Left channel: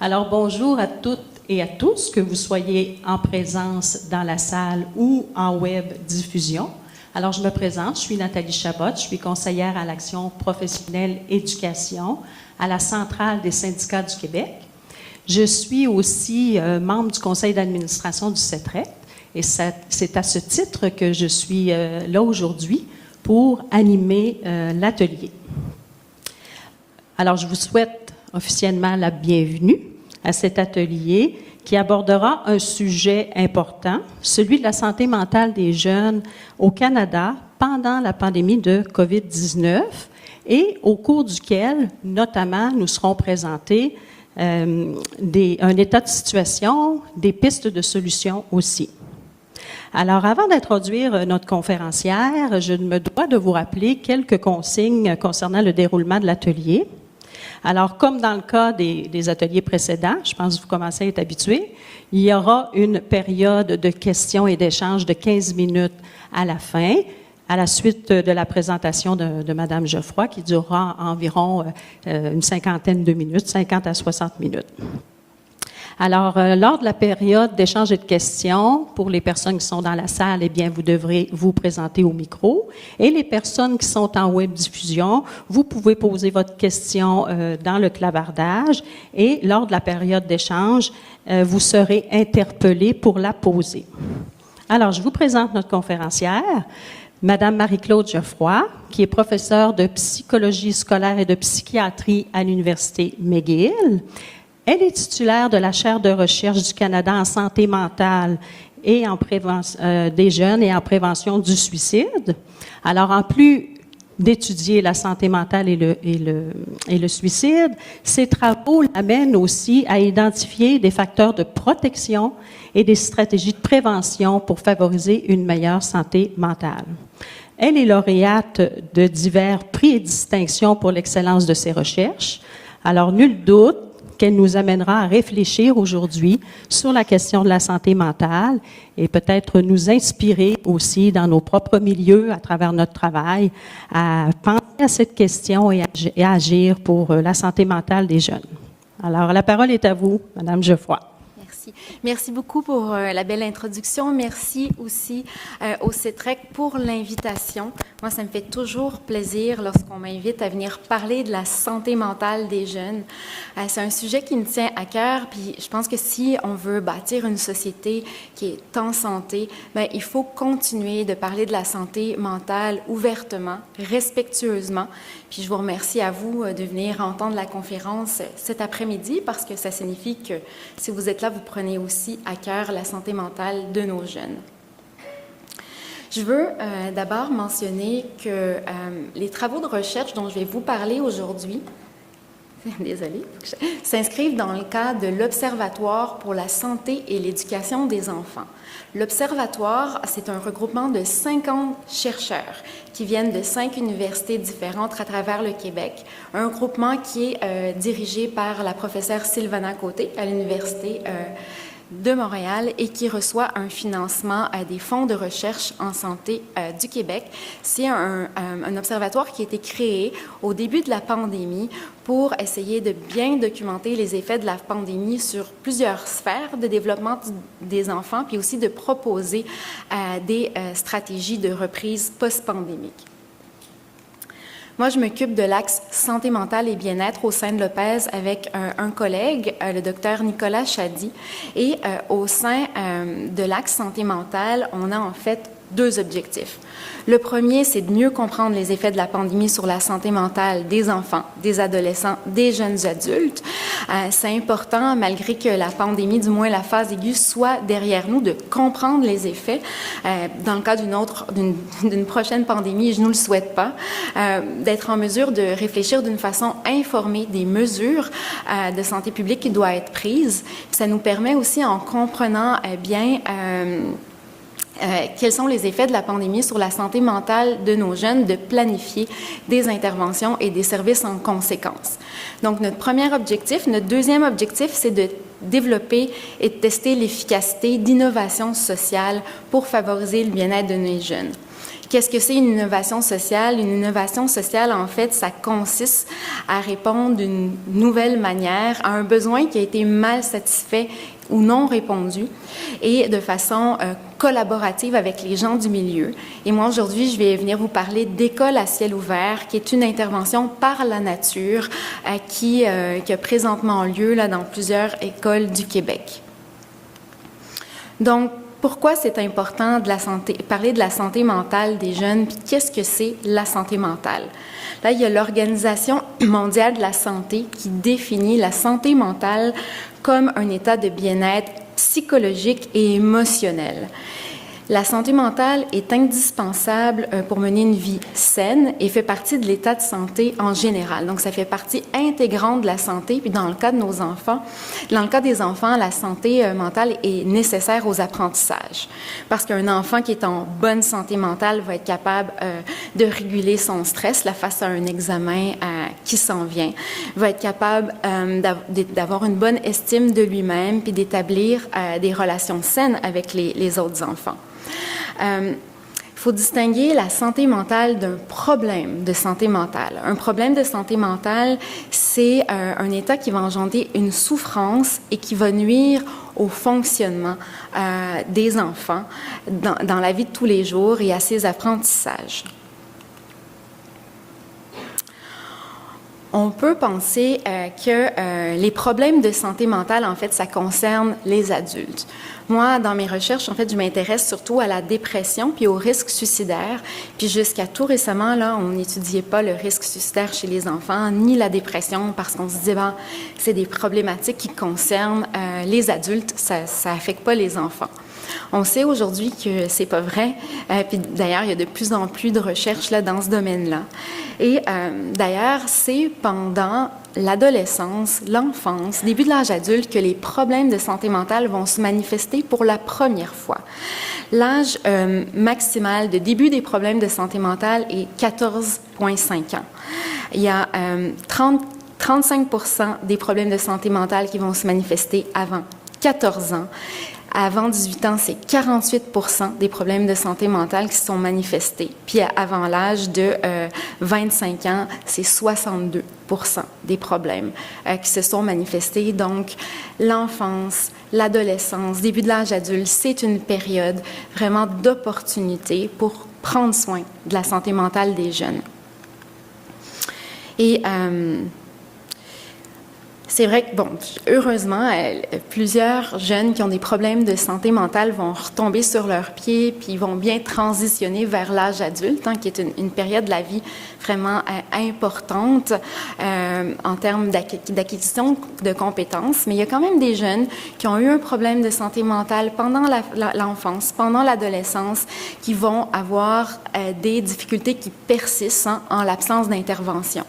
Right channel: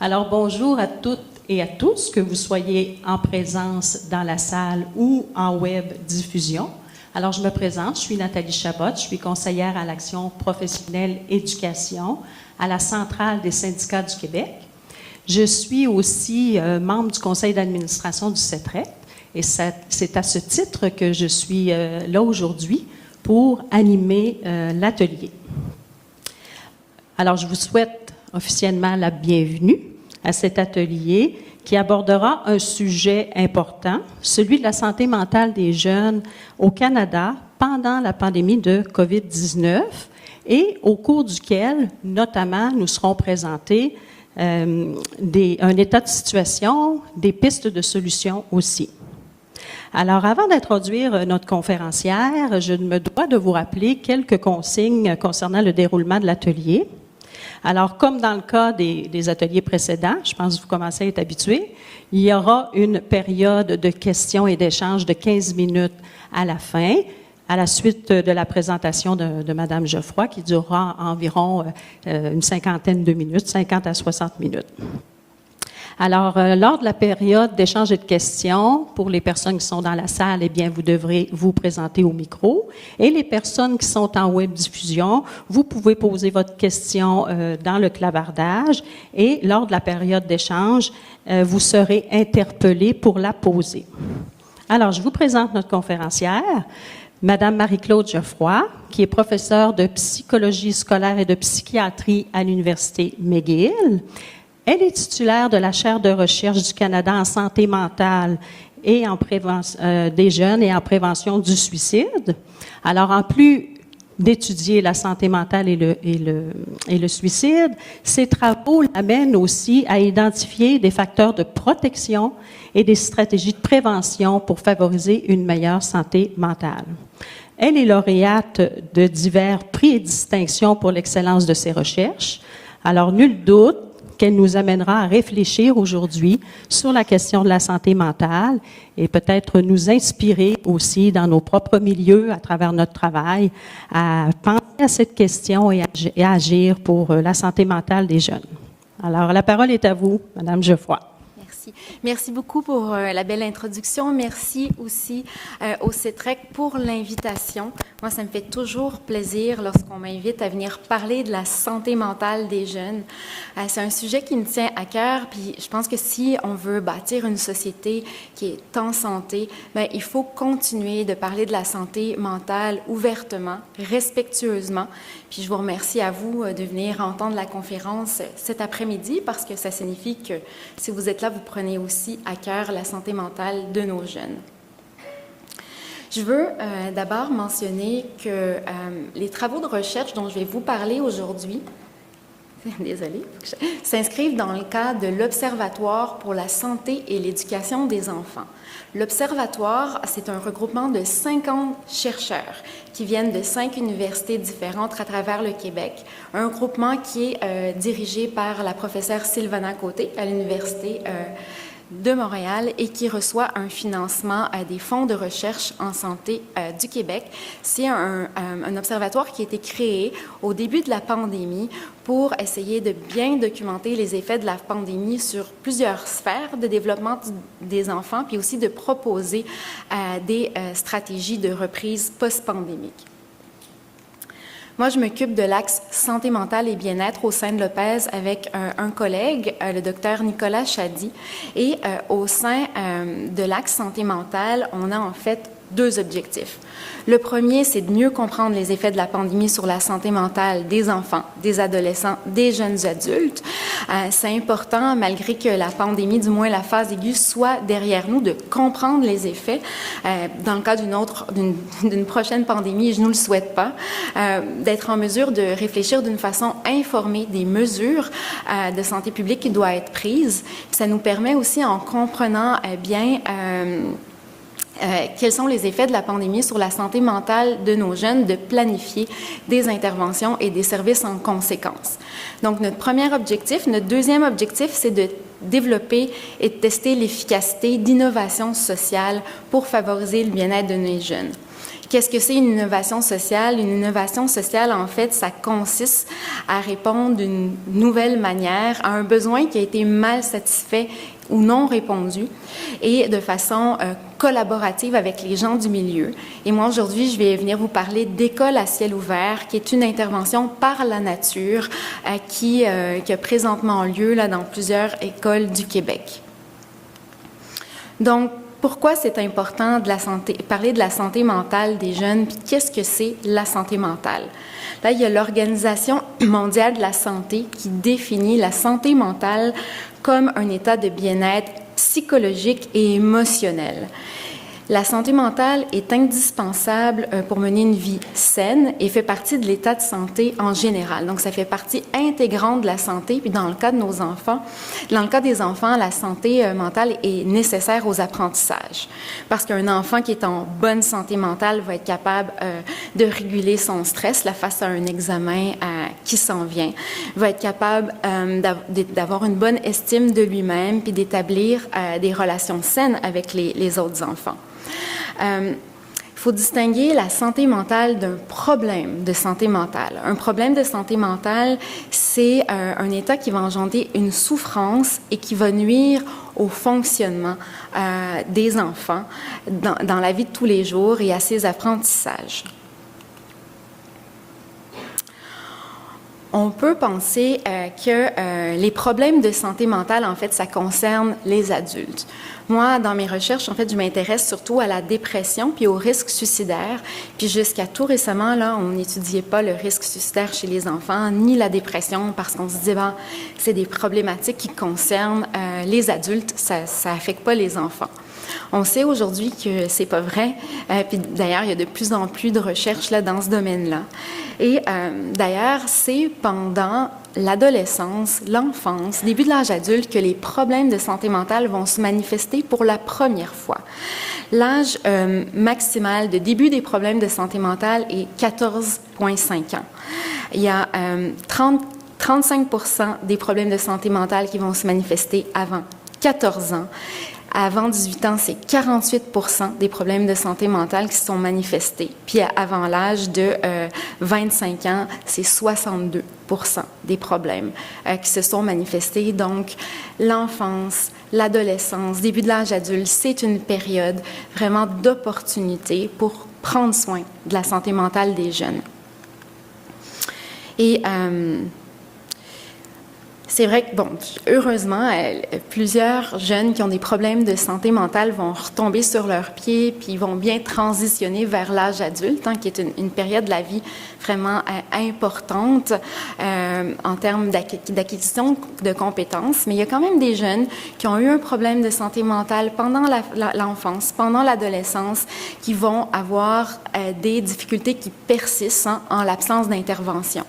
Alors, bonjour à toutes et à tous, que vous soyez en présence dans la salle ou en web diffusion. Alors, je me présente, je suis Nathalie Chabot, je suis conseillère à l'action professionnelle éducation à la Centrale des syndicats du Québec. Je suis aussi membre du conseil d'administration du CETREC et c'est à ce titre que je suis là aujourd'hui pour animer l'atelier. Alors, je vous souhaite officiellement la bienvenue à cet atelier qui abordera un sujet important, celui de la santé mentale des jeunes au Canada pendant la pandémie de COVID-19 et au cours duquel, notamment, nous serons présentés un état de situation, des pistes de solutions aussi. Alors, avant d'introduire notre conférencière, je me dois de vous rappeler quelques consignes concernant le déroulement de l'atelier. Alors, comme dans le cas des ateliers précédents, je pense que vous commencez à être habitués, il y aura une période de questions et d'échanges de 15 minutes à la fin, à la suite de la présentation de Mme Geoffroy, qui durera environ une cinquantaine de minutes, 50 à 60 minutes. Alors, lors de la période d'échange et de questions, pour les personnes qui sont dans la salle, eh bien, vous devrez vous présenter au micro. Et les personnes qui sont en web diffusion, vous pouvez poser votre question dans le clavardage. Et lors de la période d'échange, vous serez interpellé pour la poser. Alors, je vous présente notre conférencière, Madame Marie-Claude Geoffroy, qui est professeure de psychologie scolaire et de psychiatrie à l'Université McGill. Elle est titulaire de la chaire de recherche du Canada en santé mentale et en prévention des jeunes et en prévention du suicide. Alors, en plus d'étudier la santé mentale et le suicide, ses travaux l'amènent aussi à identifier des facteurs de protection et des stratégies de prévention pour favoriser une meilleure santé mentale. Elle est lauréate de divers prix et distinctions pour l'excellence de ses recherches. Alors, nul doute qu'elle nous amènera à réfléchir aujourd'hui sur la question de la santé mentale et peut-être nous inspirer aussi dans nos propres milieux à travers notre travail à penser à cette question et à agir pour la santé mentale des jeunes. Alors, la parole est à vous, Madame Geoffroy. Merci. Merci beaucoup pour la belle introduction. Merci aussi au CETREC pour l'invitation. Moi, ça me fait toujours plaisir lorsqu'on m'invite à venir parler de la santé mentale des jeunes. C'est un sujet qui me tient à cœur, puis je pense que si on veut bâtir une société qui est en santé, bien, il faut continuer de parler de la santé mentale ouvertement, respectueusement. Puis je vous remercie à vous de venir entendre la conférence cet après-midi parce que ça signifie que si vous êtes là, vous prenez aussi à cœur la santé mentale de nos jeunes. Je veux d'abord mentionner que les travaux de recherche dont je vais vous parler aujourd'hui, désolée, s'inscrivent dans le cadre de l'Observatoire pour la santé et l'éducation des enfants. L'Observatoire, c'est un regroupement de 50 chercheurs qui viennent de 5 universités différentes à travers le Québec. Un groupement qui est dirigé par la professeure Sylvana Côté à l'Université de Montréal et qui reçoit un financement des fonds de recherche en santé du Québec. C'est un observatoire qui a été créé au début de la pandémie pour essayer de bien documenter les effets de la pandémie sur plusieurs sphères de développement des enfants, puis aussi de proposer des stratégies de reprise post-pandémique. Moi, je m'occupe de l'axe santé mentale et bien-être au sein de l'OPES avec un collègue, le docteur Nicolas Chady. Et au sein de l'axe santé mentale, on a en fait 2 objectifs. Le premier, c'est de mieux comprendre les effets de la pandémie sur la santé mentale des enfants, des adolescents, des jeunes adultes. C'est important, malgré que la pandémie, du moins la phase aiguë, soit derrière nous, de comprendre les effets. Dans le cas d'une prochaine pandémie, je ne nous le souhaite pas, d'être en mesure de réfléchir d'une façon informée des mesures de santé publique qui doivent être prises. Ça nous permet aussi, en comprenant bien quels sont les effets de la pandémie sur la santé mentale de nos jeunes, de planifier des interventions et des services en conséquence. Donc, notre premier objectif. Notre deuxième objectif, c'est de développer et de tester l'efficacité d'innovation sociale pour favoriser le bien-être de nos jeunes. Qu'est-ce que c'est une innovation sociale? Une innovation sociale, en fait, ça consiste à répondre d'une nouvelle manière à un besoin qui a été mal satisfait ou non répondu, et de façon collaborative avec les gens du milieu. Et moi, aujourd'hui, je vais venir vous parler d'École à ciel ouvert, qui est une intervention par la nature qui a présentement lieu là, dans plusieurs écoles du Québec. Donc, pourquoi c'est important parler de la santé mentale des jeunes, puis qu'est-ce que c'est la santé mentale? Là, il y a l'Organisation mondiale de la santé qui définit la santé mentale comme un état de bien-être psychologique et émotionnel. La santé mentale est indispensable pour mener une vie saine et fait partie de l'état de santé en général. Donc, ça fait partie intégrante de la santé. Puis, dans le cas de nos enfants, dans le cas des enfants, la santé mentale est nécessaire aux apprentissages. Parce qu'un enfant qui est en bonne santé mentale va être capable de réguler son stress là, face à un examen qui s'en vient, va être capable d'avoir une bonne estime de lui-même puis d'établir des relations saines avec les autres enfants. Il faut distinguer la santé mentale d'un problème de santé mentale. Un problème de santé mentale, c'est un état qui va engendrer une souffrance et qui va nuire au fonctionnement des enfants dans la vie de tous les jours et à ses apprentissages. On peut penser que les problèmes de santé mentale, en fait, ça concerne les adultes. Moi, dans mes recherches, en fait, je m'intéresse surtout à la dépression puis au risque suicidaire. Puis jusqu'à tout récemment, là, on n'étudiait pas le risque suicidaire chez les enfants, ni la dépression, parce qu'on se disait, ben, c'est des problématiques qui concernent les adultes, ça affecte pas les enfants. On sait aujourd'hui que c'est pas vrai. Puis d'ailleurs, il y a de plus en plus de recherches là dans ce domaine-là. Et d'ailleurs, c'est pendant l'adolescence, l'enfance, début de l'âge adulte que les problèmes de santé mentale vont se manifester pour la première fois. L'âge maximal de début des problèmes de santé mentale est 14,5 ans. Il y a 35% des problèmes de santé mentale qui vont se manifester avant 14 ans. Avant 18 ans, c'est 48% des problèmes de santé mentale qui sont manifestés. Puis avant l'âge de 25 ans, c'est 62% des problèmes qui se sont manifestés. Donc, l'enfance, l'adolescence, début de l'âge adulte, c'est une période vraiment d'opportunité pour prendre soin de la santé mentale des jeunes. Et c'est vrai que, bon, heureusement, plusieurs jeunes qui ont des problèmes de santé mentale vont retomber sur leurs pieds puis vont bien transitionner vers l'âge adulte, hein, qui est une période de la vie vraiment importante en termes d'acquisition de compétences. Mais il y a quand même des jeunes qui ont eu un problème de santé mentale pendant l'enfance, pendant l'adolescence, qui vont avoir des difficultés qui persistent en l'absence d'intervention.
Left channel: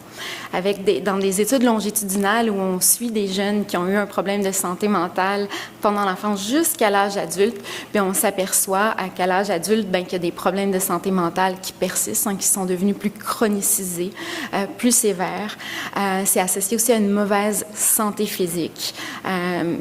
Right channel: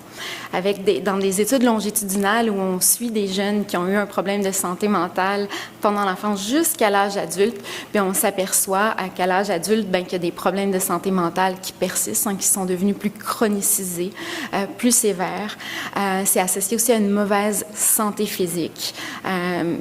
Dans des études longitudinales où on suit des jeunes qui ont eu un problème de santé mentale pendant l'enfance jusqu'à l'âge adulte, puis on s'aperçoit qu'à l'âge adulte, qu'il y a des problèmes de santé mentale qui persistent, hein, qui sont devenus plus chronicisés, plus sévères. C'est associé aussi à une mauvaise santé physique,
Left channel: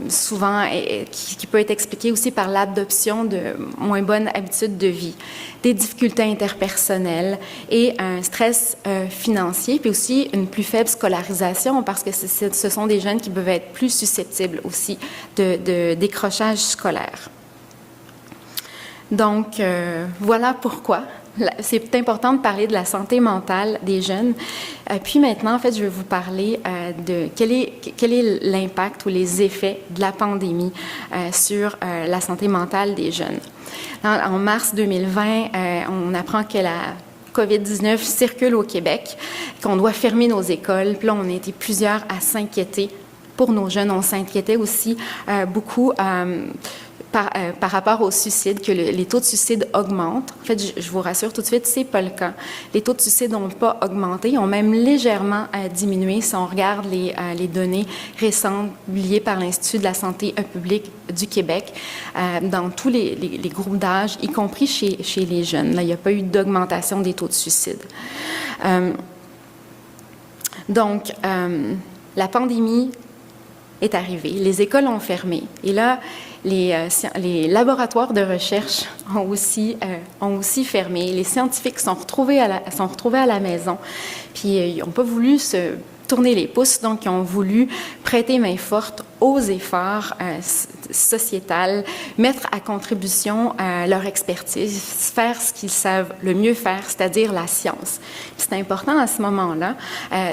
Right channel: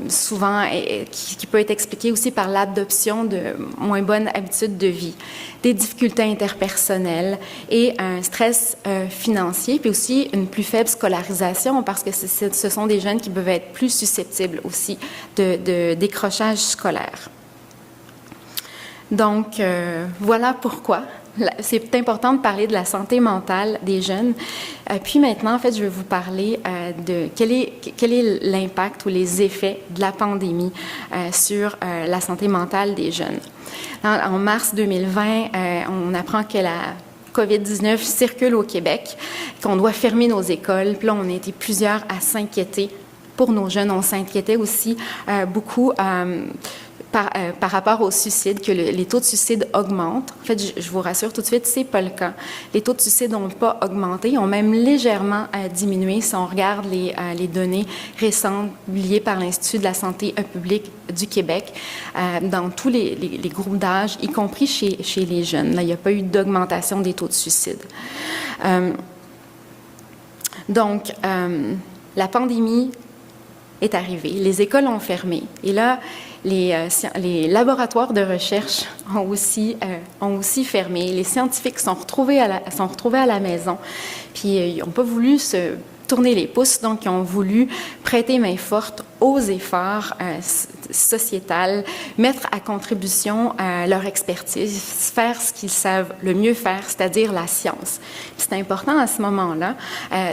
souvent qui peut être expliquée aussi par l'adoption de moins bonnes habitudes de vie, des difficultés interpersonnelles et un stress financier, puis aussi une plus faible scolarisation parce que ce sont des jeunes qui peuvent être plus susceptibles aussi de décrochage scolaire. Donc, voilà pourquoi c'est important de parler de la santé mentale des jeunes. Puis maintenant, en fait, je vais vous parler de quel est l'impact ou les effets de la pandémie sur la santé mentale des jeunes. En mars 2020, on apprend que la COVID-19 circule au Québec, qu'on doit fermer nos écoles. Puis là, on a été plusieurs à s'inquiéter pour nos jeunes. On s'inquiétait aussi beaucoup par rapport au suicide, que les taux de suicide augmentent. En fait, je vous rassure tout de suite, c'est pas le cas. Les taux de suicide n'ont pas augmenté, ils ont même légèrement diminué si on regarde les données récentes publiées par l'Institut de la santé publique du Québec dans tous les groupes d'âge, y compris chez les jeunes. Là, il n'y a pas eu d'augmentation des taux de suicide. Donc, la pandémie est arrivé. Les écoles ont fermé. Et là, les laboratoires de recherche ont aussi fermé. Les scientifiques sont retrouvés à la maison. Puis, ils n'ont pas voulu se tourner les pouces, donc ils ont voulu prêter main forte aux efforts sociétals, mettre à contribution leur expertise, faire ce qu'ils savent le mieux faire, c'est-à-dire la science. Puis c'est important à ce moment-là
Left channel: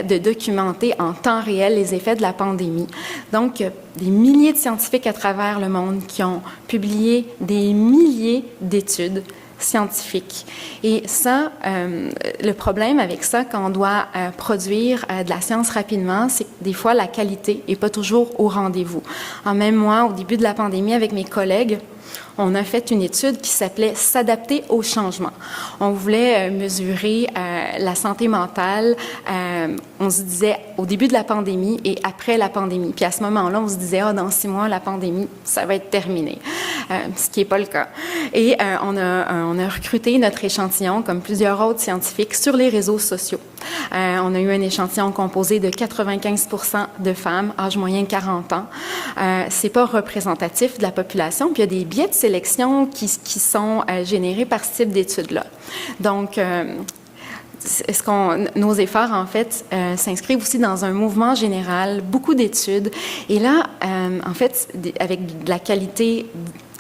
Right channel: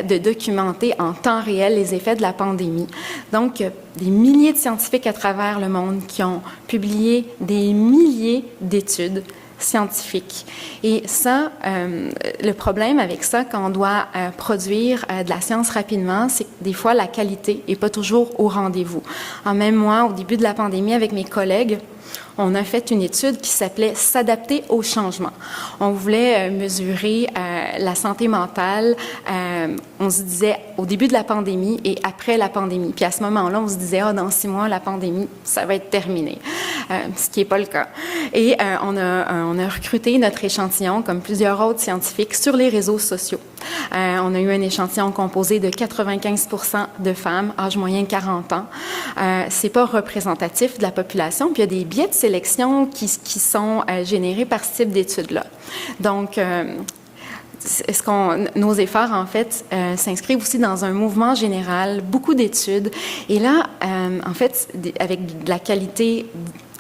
de documenter en temps réel les effets de la pandémie. Donc, des milliers de scientifiques à travers le monde qui ont publié des milliers d'études scientifiques. Et ça, le problème avec ça, quand on doit produire de la science rapidement, c'est que des fois, la qualité n'est pas toujours au rendez-vous. Même moi, au début de la pandémie, avec mes collègues, on a fait une étude qui s'appelait « S'adapter au changement ». On voulait mesurer la santé mentale, on se disait au début de la pandémie et après la pandémie. Puis à ce moment-là, on se disait « dans 6 mois, la pandémie, ça va être terminé », ce qui n'est pas le cas. Et on a recruté notre échantillon, comme plusieurs autres scientifiques, sur les réseaux sociaux. On a eu un échantillon composé de 95% de femmes, âge moyen 40 ans. C'est pas représentatif de la population, puis il y a des biais de sélection qui sont générés par ce type d'études-là. Donc, nos efforts, en fait, s'inscrivent aussi dans un mouvement général, beaucoup d'études. Et là, en fait, avec de la qualité,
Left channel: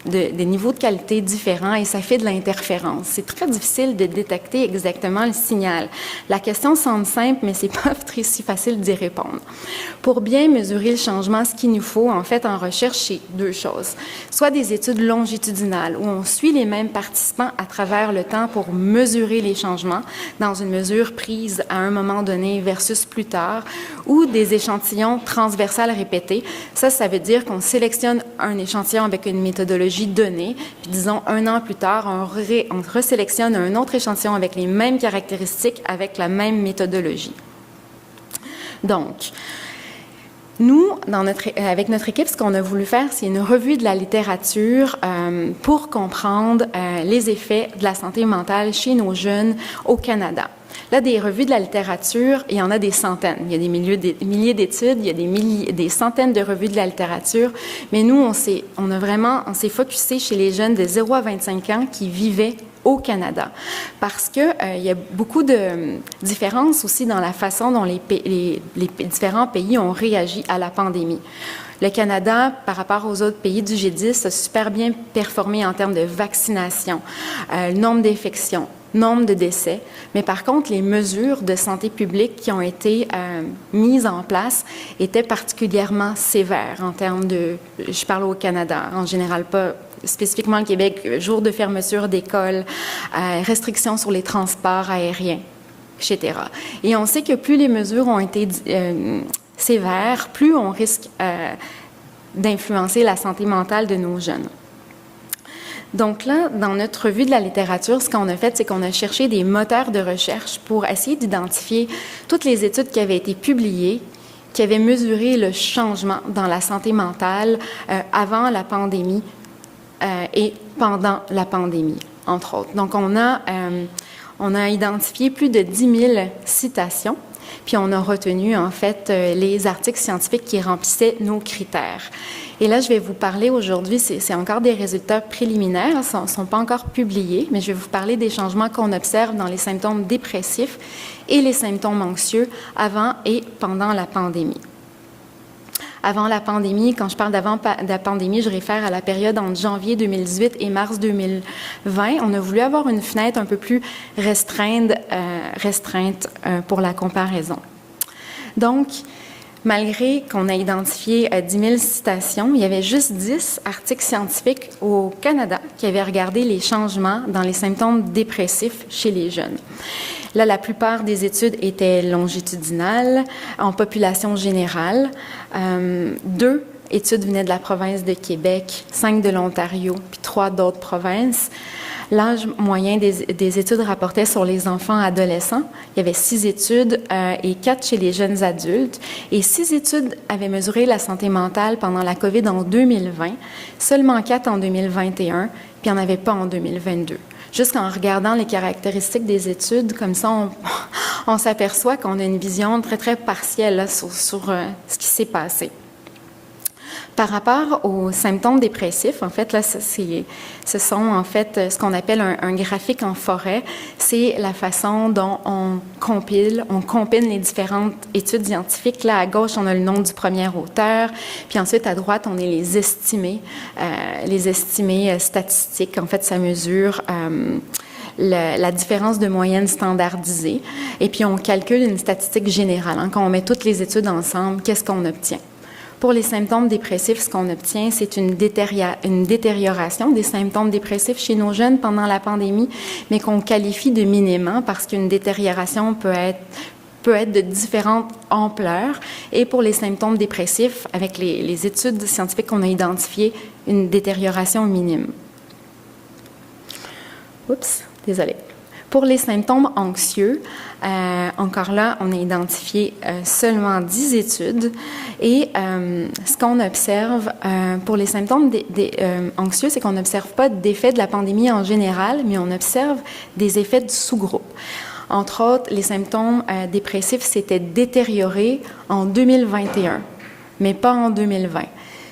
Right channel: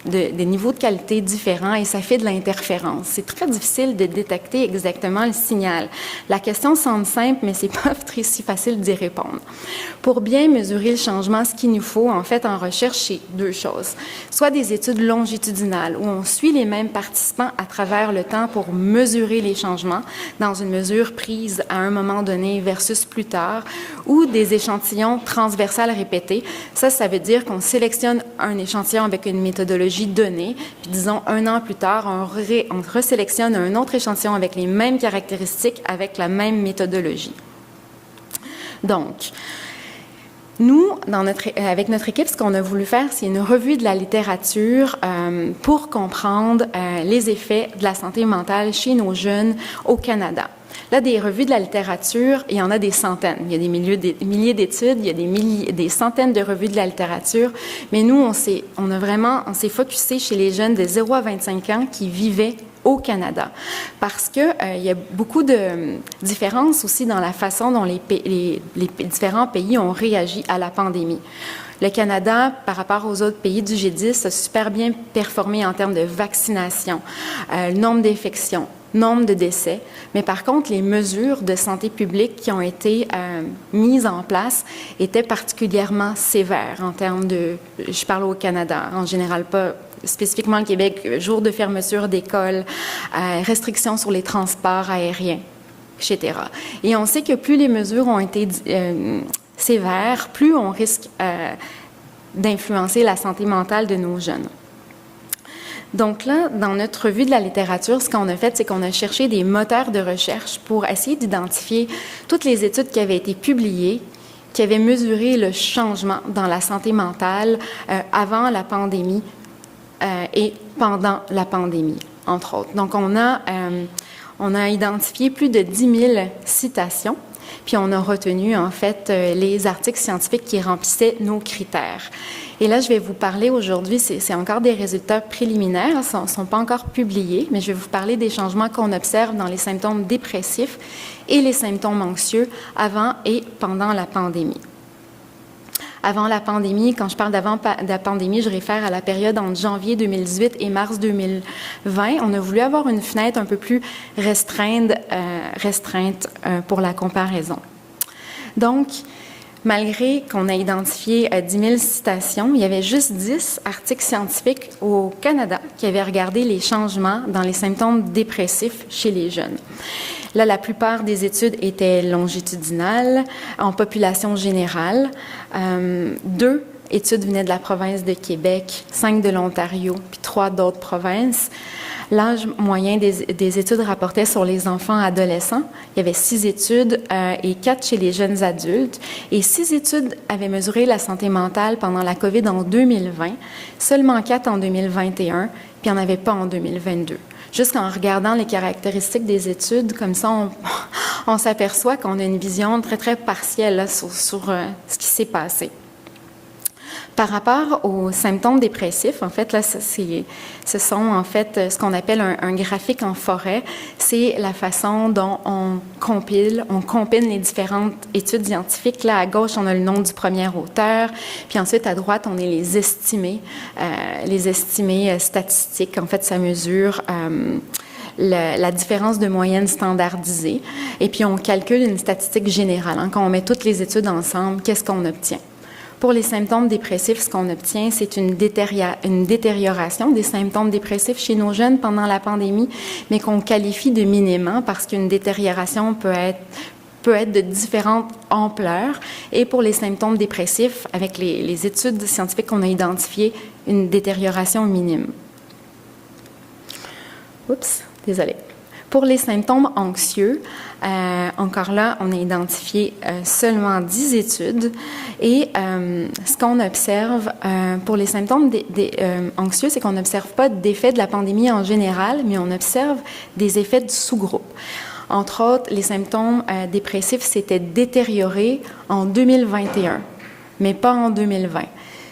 des niveaux de qualité différents, et ça fait de l'interférence. C'est très difficile de détecter exactement le signal. La question semble simple, mais c'est pas très si facile d'y répondre. Pour bien mesurer le changement, ce qu'il nous faut, en fait, en recherche, c'est 2 choses. Soit des études longitudinales, où on suit les mêmes participants à travers le temps pour mesurer les changements dans une mesure prise à un moment donné versus plus tard, ou des échantillons transversales répétés. Ça veut dire qu'on sélectionne un échantillon avec une méthodologie donnée, puis disons 1 an plus tard, on resélectionne un autre échantillon avec les mêmes caractéristiques, avec la même méthodologie. Donc, nous, avec notre équipe, ce qu'on a voulu faire, c'est une revue de la littérature pour comprendre les effets de la santé mentale chez nos jeunes au Canada. Là, des revues de la littérature, il y en a des centaines. Il y a des milliers d'études, il y a des centaines de revues de la littérature. Mais nous, on s'est focusé chez les jeunes de 0 à 25 ans qui vivaient au Canada. Parce que il y a beaucoup de différences aussi dans la façon dont les différents pays ont réagi à la pandémie. Le Canada, par rapport aux autres pays du G10, a super bien performé en termes de vaccination, nombre d'infections, nombre de décès. Mais par contre, les mesures de santé publique qui ont été mises en place étaient particulièrement sévères en termes de, je parle au Canada, en général pas spécifiquement le Québec, jour de fermeture d'écoles, restrictions sur les transports aériens, etc. Et on sait que plus les mesures ont été sévères, plus on risque d'influencer la santé mentale de nos jeunes. Donc là, dans notre revue de la littérature, ce qu'on a fait, c'est qu'on a cherché des moteurs de recherche pour essayer d'identifier toutes les études qui avaient été publiées, qui avaient mesuré le changement dans la santé mentale avant la pandémie et pendant la pandémie, entre autres. Donc, on a identifié plus de 10 000 citations, puis on a retenu, en fait, les articles scientifiques qui remplissaient nos critères. Et là, je vais vous parler aujourd'hui, c'est encore des résultats préliminaires, ils ne sont pas encore publiés, mais je vais vous parler des changements qu'on observe dans les symptômes dépressifs et les symptômes anxieux avant et pendant la pandémie. Avant la pandémie, quand je parle d'avant la pandémie, je réfère à la période entre janvier 2018 et mars 2020. On a voulu avoir une fenêtre un peu plus restreinte pour la comparaison. Donc, malgré qu'on a identifié 10 000 citations, il y avait juste 10 articles scientifiques au Canada qui avaient regardé les changements dans les symptômes dépressifs chez les jeunes. Là, la plupart des études étaient longitudinales, en population générale. 2 études venaient de la province de Québec, 5 de l'Ontario, puis 3 d'autres provinces. L'âge moyen des études rapportait sur les enfants adolescents. Il y avait 6 études et 4 chez les jeunes adultes. Et 6 études avaient mesuré la santé mentale pendant la COVID en 2020, seulement 4 en 2021, puis il n'y en avait pas en 2022. Juste en regardant les caractéristiques des études, comme ça, on s'aperçoit qu'on a une vision très, très partielle là, sur ce qui s'est passé. Par rapport aux symptômes dépressifs, en fait, là, ce sont en fait ce qu'on appelle un graphique en forêt. C'est la façon dont on compile les différentes études scientifiques. Là, à gauche, on a le nom du premier auteur, puis ensuite, à droite, on a les estimés statistiques. En fait, ça mesure la différence de moyenne standardisée. Et puis, on calcule une statistique générale. Quand on met toutes les études ensemble, qu'est-ce qu'on obtient? Pour les symptômes dépressifs, ce qu'on obtient, c'est une détérioration des symptômes dépressifs chez nos jeunes pendant la pandémie, mais qu'on qualifie de minime parce qu'une détérioration peut être de différentes ampleurs. Et pour les symptômes dépressifs, avec les études scientifiques qu'on a identifiées, une détérioration minime. Oups, désolée. Pour les symptômes anxieux, encore là, on a identifié seulement 10 études et ce qu'on observe pour les symptômes anxieux, c'est qu'on n'observe pas d'effet de la pandémie en général, mais on observe des effets de sous-groupe. Entre autres, les symptômes dépressifs s'étaient détériorés en 2021, mais pas en 2020.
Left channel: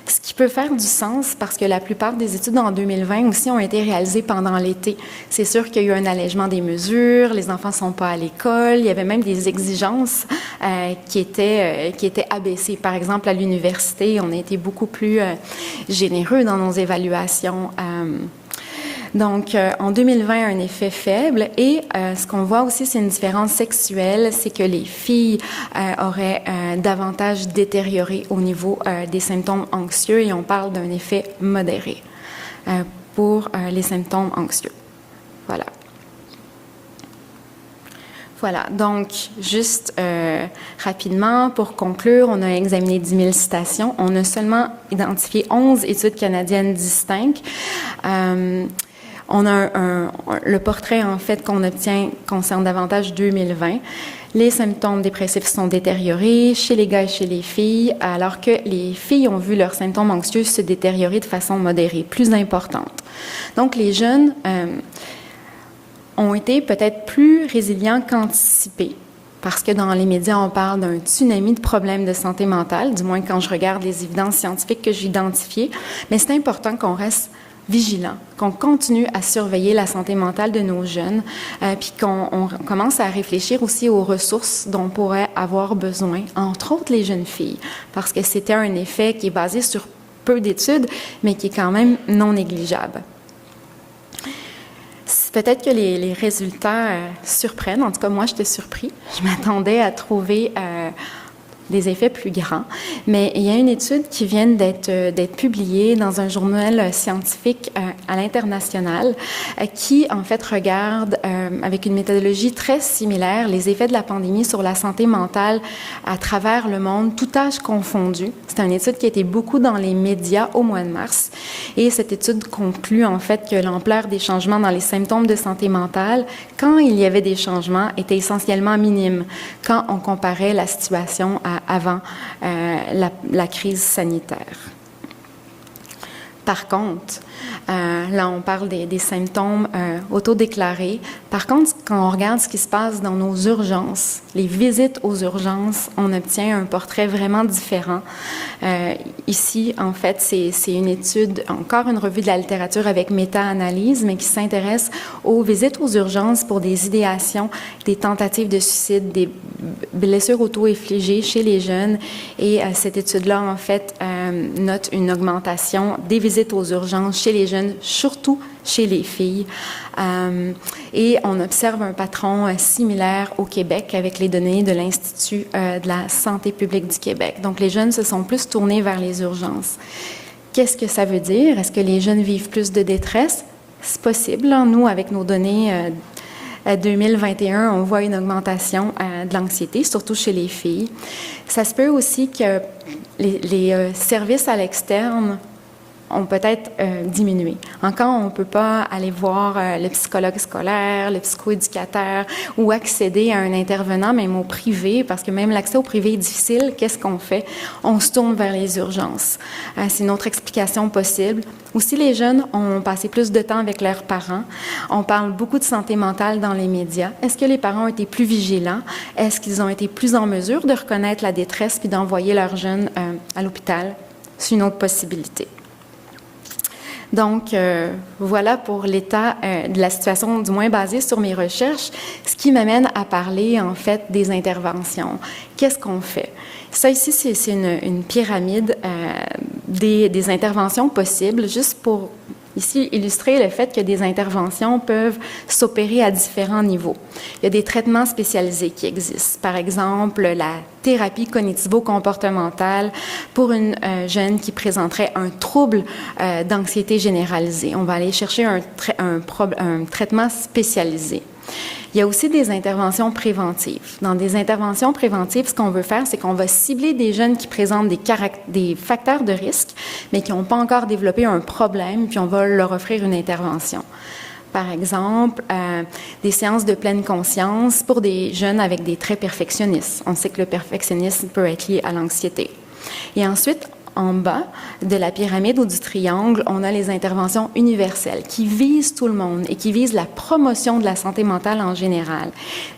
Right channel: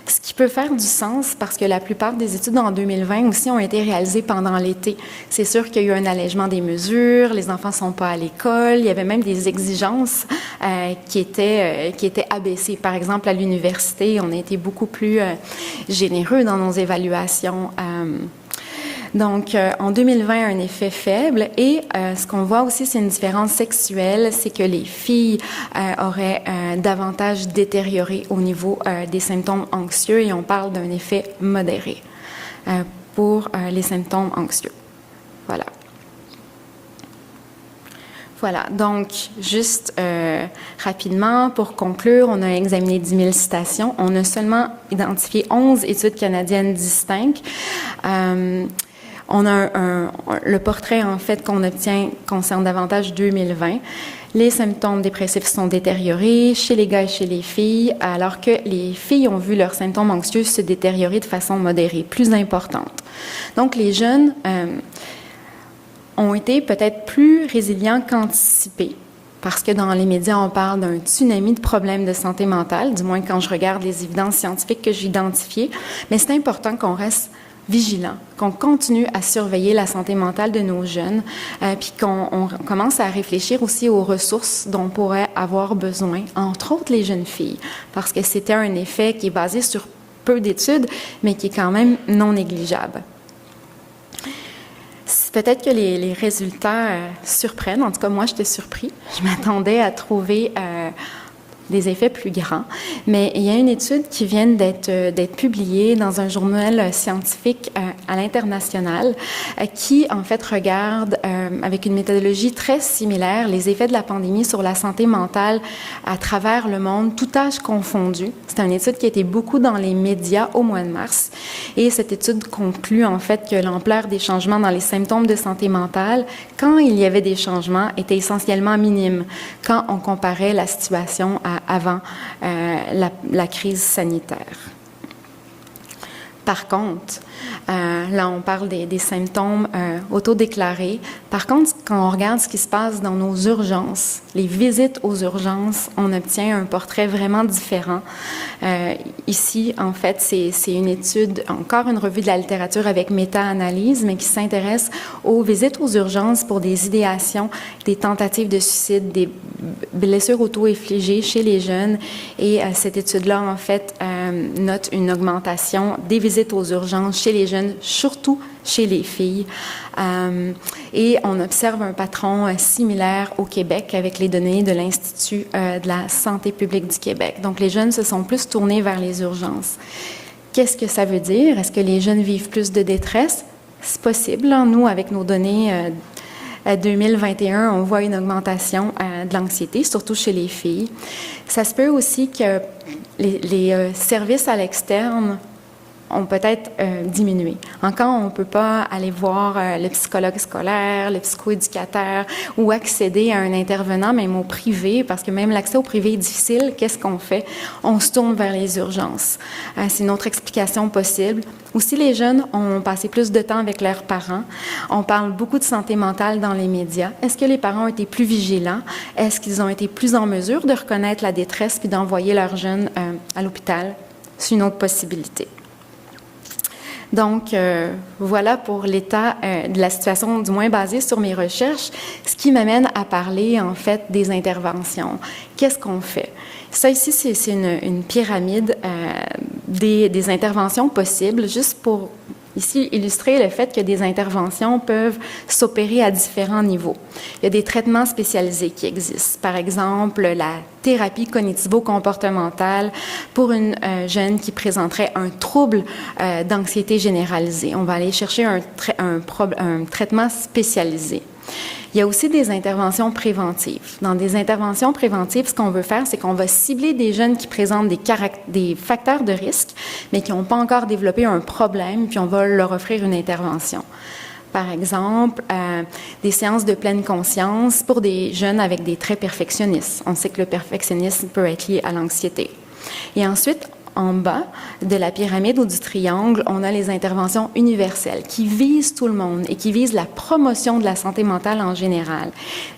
Ce qui peut faire du sens parce que la plupart des études en 2020 aussi ont été réalisées pendant l'été. C'est sûr qu'il y a eu un allègement des mesures, les enfants ne sont pas à l'école, il y avait même des exigences qui étaient abaissées. Par exemple, à l'université, on a été beaucoup plus généreux dans nos évaluations. Donc, en 2020, un effet faible. Et ce qu'on voit aussi, c'est une différence sexuelle, c'est que les filles auraient davantage détérioré au niveau des symptômes anxieux et on parle d'un effet modéré pour les symptômes anxieux. Voilà. Voilà, donc juste rapidement, pour conclure, on a examiné 10 000 citations. On a seulement identifié 11 études canadiennes distinctes. On a le portrait, en fait, qu'on obtient concerne davantage 2020. Les symptômes dépressifs sont détériorés chez les gars et chez les filles, alors que les filles ont vu leurs symptômes anxieux se détériorer de façon modérée, plus importante. Donc, les jeunes ont été peut-être plus résilients qu'anticipés. Parce que dans les médias, on parle d'un tsunami de problèmes de santé mentale, du moins quand je regarde les évidences scientifiques que j'ai identifiées. Mais c'est important qu'on reste vigilant, qu'on continue à surveiller la santé mentale de nos jeunes, puis qu'on commence à réfléchir aussi aux ressources dont pourraient avoir besoin, entre autres les jeunes filles, parce que c'était un effet qui est basé sur peu d'études, mais qui est quand même non négligeable. Peut-être que les résultats surprennent. En tout cas, moi, j'étais surpris. Je m'attendais à trouver des effets plus grands. Mais il y a une étude qui vient d'être publiée dans un journal scientifique à l'international qui, en fait, regarde avec une méthodologie très similaire les effets de la pandémie sur la santé mentale à travers le monde, tout âge confondu. C'est une étude qui a été beaucoup dans les médias au mois de mars. Et cette étude conclut, en fait, que l'ampleur des changements dans les symptômes de santé mentale, quand il y avait des changements, était essentiellement minime quand on comparait la situation avant la crise sanitaire. Par contre, là, on parle des symptômes autodéclarés. Par contre, quand on regarde ce qui se passe dans nos urgences, les visites aux urgences, on obtient un portrait vraiment différent. Ici, en fait, c'est une étude, encore une revue de la littérature avec méta-analyse, mais qui s'intéresse aux visites aux urgences pour des idéations, des tentatives de suicide, des blessures auto-infligées chez les jeunes. Et cette étude-là, en fait, note une augmentation des visites aux urgences chez les jeunes, surtout chez les filles. Et on observe un patron similaire au Québec avec les données de l'Institut de la santé publique du Québec. Donc, les jeunes se sont plus tournés vers les urgences. Qu'est-ce que ça veut dire? Est-ce que les jeunes vivent plus de détresse? C'est possible. Nous, avec nos données 2021, on voit une augmentation de l'anxiété, surtout chez les filles. Ça se peut aussi que les services à l'externe ont peut-être diminué. Encore, on ne peut pas aller voir le psychologue scolaire, le psychoéducateur ou accéder à un intervenant, même au privé, parce que même l'accès au privé est difficile. Qu'est-ce qu'on fait? On se tourne vers les urgences. C'est une autre explication possible. Aussi, les jeunes ont passé plus de temps avec leurs parents. On parle beaucoup de santé mentale dans les médias. Est-ce que les parents ont été plus vigilants? Est-ce qu'ils ont été plus en mesure de reconnaître la détresse puis d'envoyer leurs jeunes à l'hôpital? c'est une autre possibilité. Donc, voilà pour l'état de la situation, du moins basée sur mes recherches, ce qui m'amène à parler, en fait, des interventions. Qu'est-ce qu'on fait? Ça, ici, c'est une pyramide des interventions possibles, juste pour, ici, illustrer le fait que des interventions peuvent s'opérer à différents niveaux. Il y a des traitements spécialisés qui existent. Par exemple, la thérapie cognitivo-comportementale pour une jeune qui présenterait un trouble d'anxiété généralisée. On va aller chercher un traitement spécialisé. Il y a aussi des interventions préventives. Dans des interventions préventives, ce qu'on veut faire, c'est qu'on va cibler des jeunes qui présentent des facteurs de risque, mais qui n'ont pas encore développé un problème, puis on va leur offrir une intervention. Par exemple, des séances de pleine conscience pour des jeunes avec des traits perfectionnistes. On sait que le perfectionnisme peut être lié à l'anxiété. Et ensuite, en bas de la pyramide ou du triangle, on a les interventions universelles qui visent tout le monde et qui visent la promotion de la santé mentale en général,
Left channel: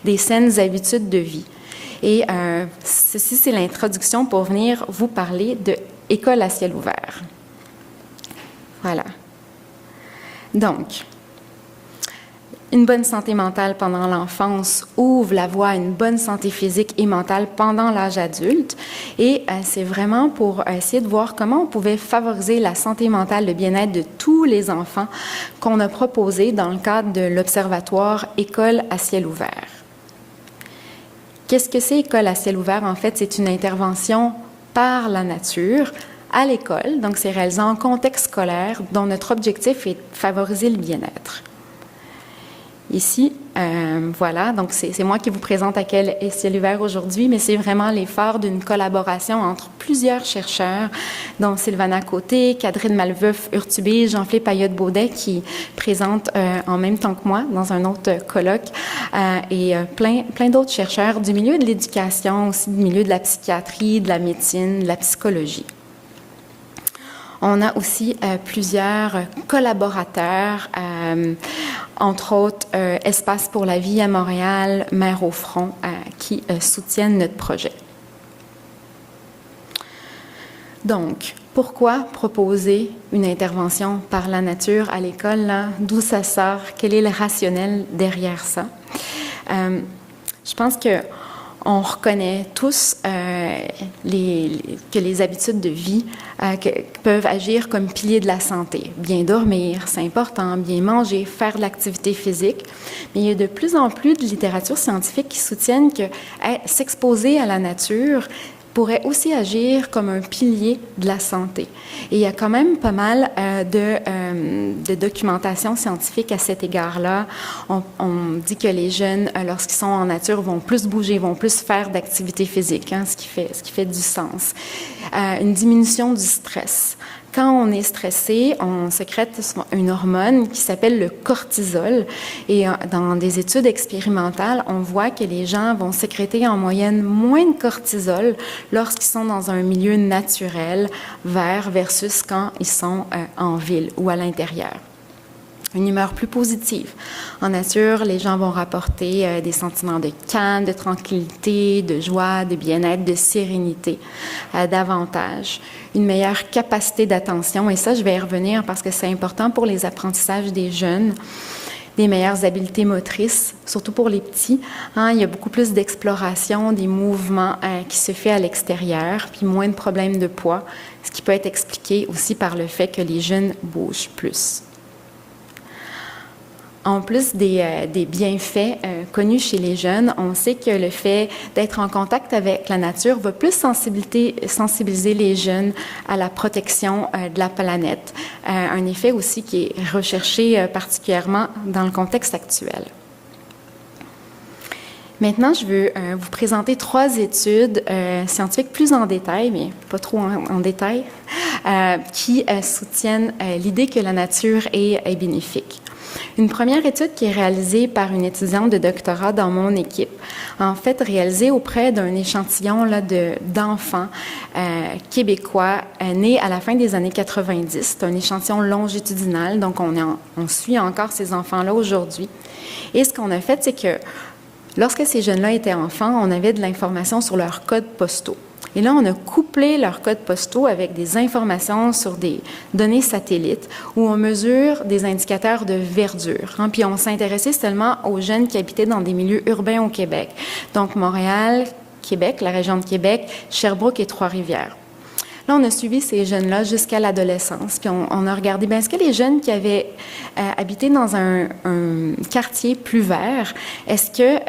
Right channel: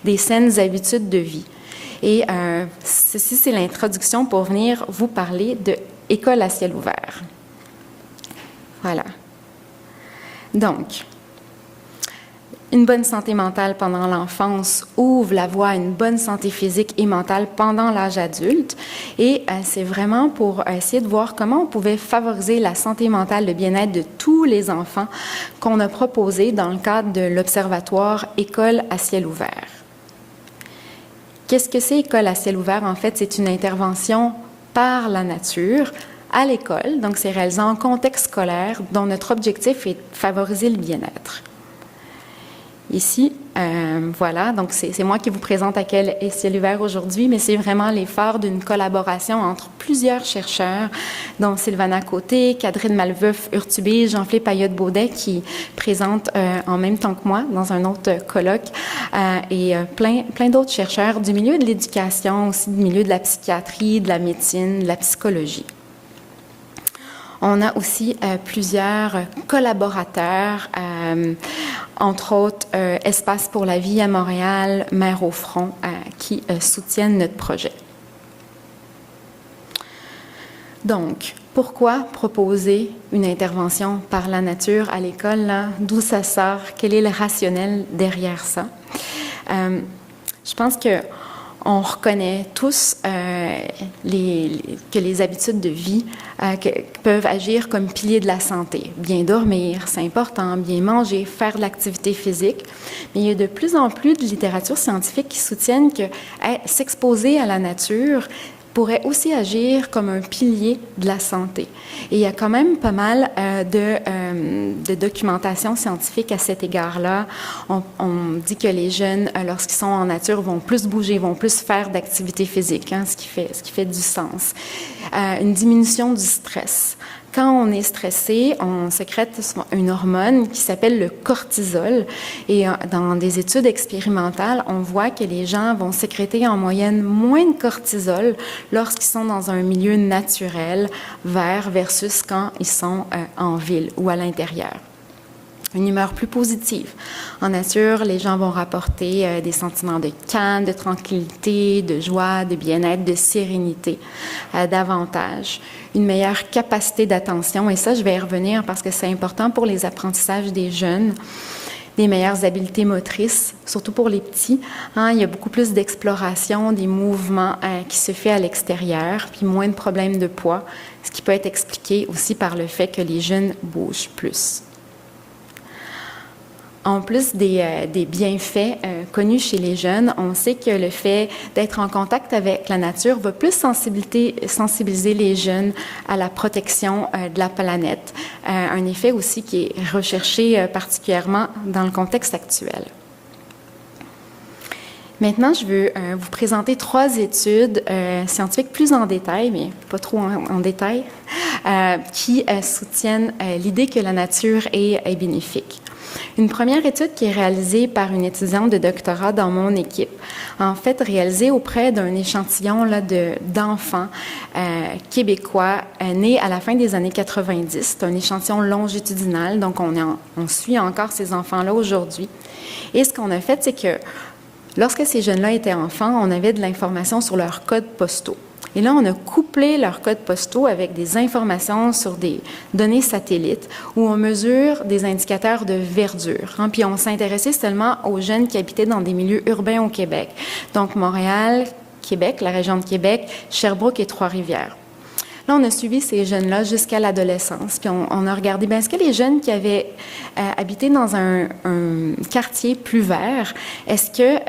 des saines habitudes de vie. Et ceci, c'est l'introduction pour venir vous parler de École à ciel ouvert. Voilà. Donc, une bonne santé mentale pendant l'enfance ouvre la voie à une bonne santé physique et mentale pendant l'âge adulte. Et c'est vraiment pour essayer de voir comment on pouvait favoriser la santé mentale, le bien-être de tous les enfants qu'on a proposé dans le cadre de l'Observatoire École à ciel ouvert. Qu'est-ce que c'est École à ciel ouvert? En fait, c'est une intervention par la nature à l'école. Donc, c'est réalisé en contexte scolaire dont notre objectif est de favoriser le bien-être. Ici, voilà, donc c'est moi qui vous présente à quel est ciel ouvert aujourd'hui, mais c'est vraiment l'effort d'une collaboration entre plusieurs chercheurs, dont Sylvana Côté, Catherine Malveuf, Urtubise, Jean-Philippe Ayotte-Baudet, qui présentent en même temps que moi dans un autre colloque, et plein d'autres chercheurs du milieu de l'éducation, aussi du milieu de la psychiatrie, de la médecine, de la psychologie. On a aussi plusieurs collaborateurs, entre autres Espace pour la vie à Montréal, Mère au front, qui soutiennent notre projet. Donc, pourquoi proposer une intervention par la nature à l'école, là? D'où ça sort? Quel est le rationnel derrière ça? Je pense que on reconnaît tous que les habitudes de vie peuvent agir comme piliers de la santé. Bien dormir, c'est important, bien manger, faire de l'activité physique. Mais il y a de plus en plus de littérature scientifique qui soutiennent que s'exposer à la nature pourrait aussi agir comme un pilier de la santé. Et il y a quand même pas mal de documentation scientifique à cet égard-là. On dit que les jeunes, lorsqu'ils sont en nature, vont plus bouger, vont plus faire d'activité physique, hein, ce qui fait du sens. Une diminution du stress. Quand on est stressé, on sécrète une hormone qui s'appelle le cortisol. Et dans des études expérimentales, on voit que les gens vont sécréter en moyenne moins de cortisol lorsqu'ils sont dans un milieu naturel vert versus quand ils sont en ville ou à l'intérieur. Une humeur plus positive. En nature, les gens vont rapporter des sentiments de calme, de tranquillité, de joie, de bien-être, de sérénité, davantage. Une meilleure capacité d'attention, et ça, je vais y revenir parce que c'est important pour les apprentissages des jeunes. Des meilleures habiletés motrices, surtout pour les petits. Hein, il y a beaucoup plus d'exploration, des mouvements qui se fait à l'extérieur, puis moins de problèmes de poids, ce qui peut être expliqué aussi par le fait que les jeunes bougent plus. En plus des bienfaits connus chez les jeunes, on sait que le fait d'être en contact avec la nature va plus sensibiliser les jeunes à la protection de la planète. Un effet aussi qui est recherché particulièrement dans le contexte actuel. Maintenant, je veux vous présenter 3 études scientifiques plus en détail, mais pas trop en détail, qui soutiennent l'idée que la nature est bénéfique. Une première étude qui est réalisée par une étudiante de doctorat dans mon équipe, en fait réalisée auprès d'un échantillon là, d'enfants québécois nés à la fin des années 90. C'est un échantillon longitudinal, donc on suit encore ces enfants-là aujourd'hui. Et ce qu'on a fait, c'est que lorsque ces jeunes-là étaient enfants, on avait de l'information sur leurs codes postaux. Et là, on a couplé leurs codes postaux avec des informations sur des données satellites où on mesure des indicateurs de verdure. Puis on s'intéressait seulement aux jeunes qui habitaient dans des milieux urbains au Québec. Donc Montréal, Québec, la région de Québec, Sherbrooke et Trois-Rivières. Là, on a suivi ces jeunes-là jusqu'à l'adolescence, puis on a regardé, est-ce que les jeunes qui avaient habité dans un quartier plus vert, est-ce que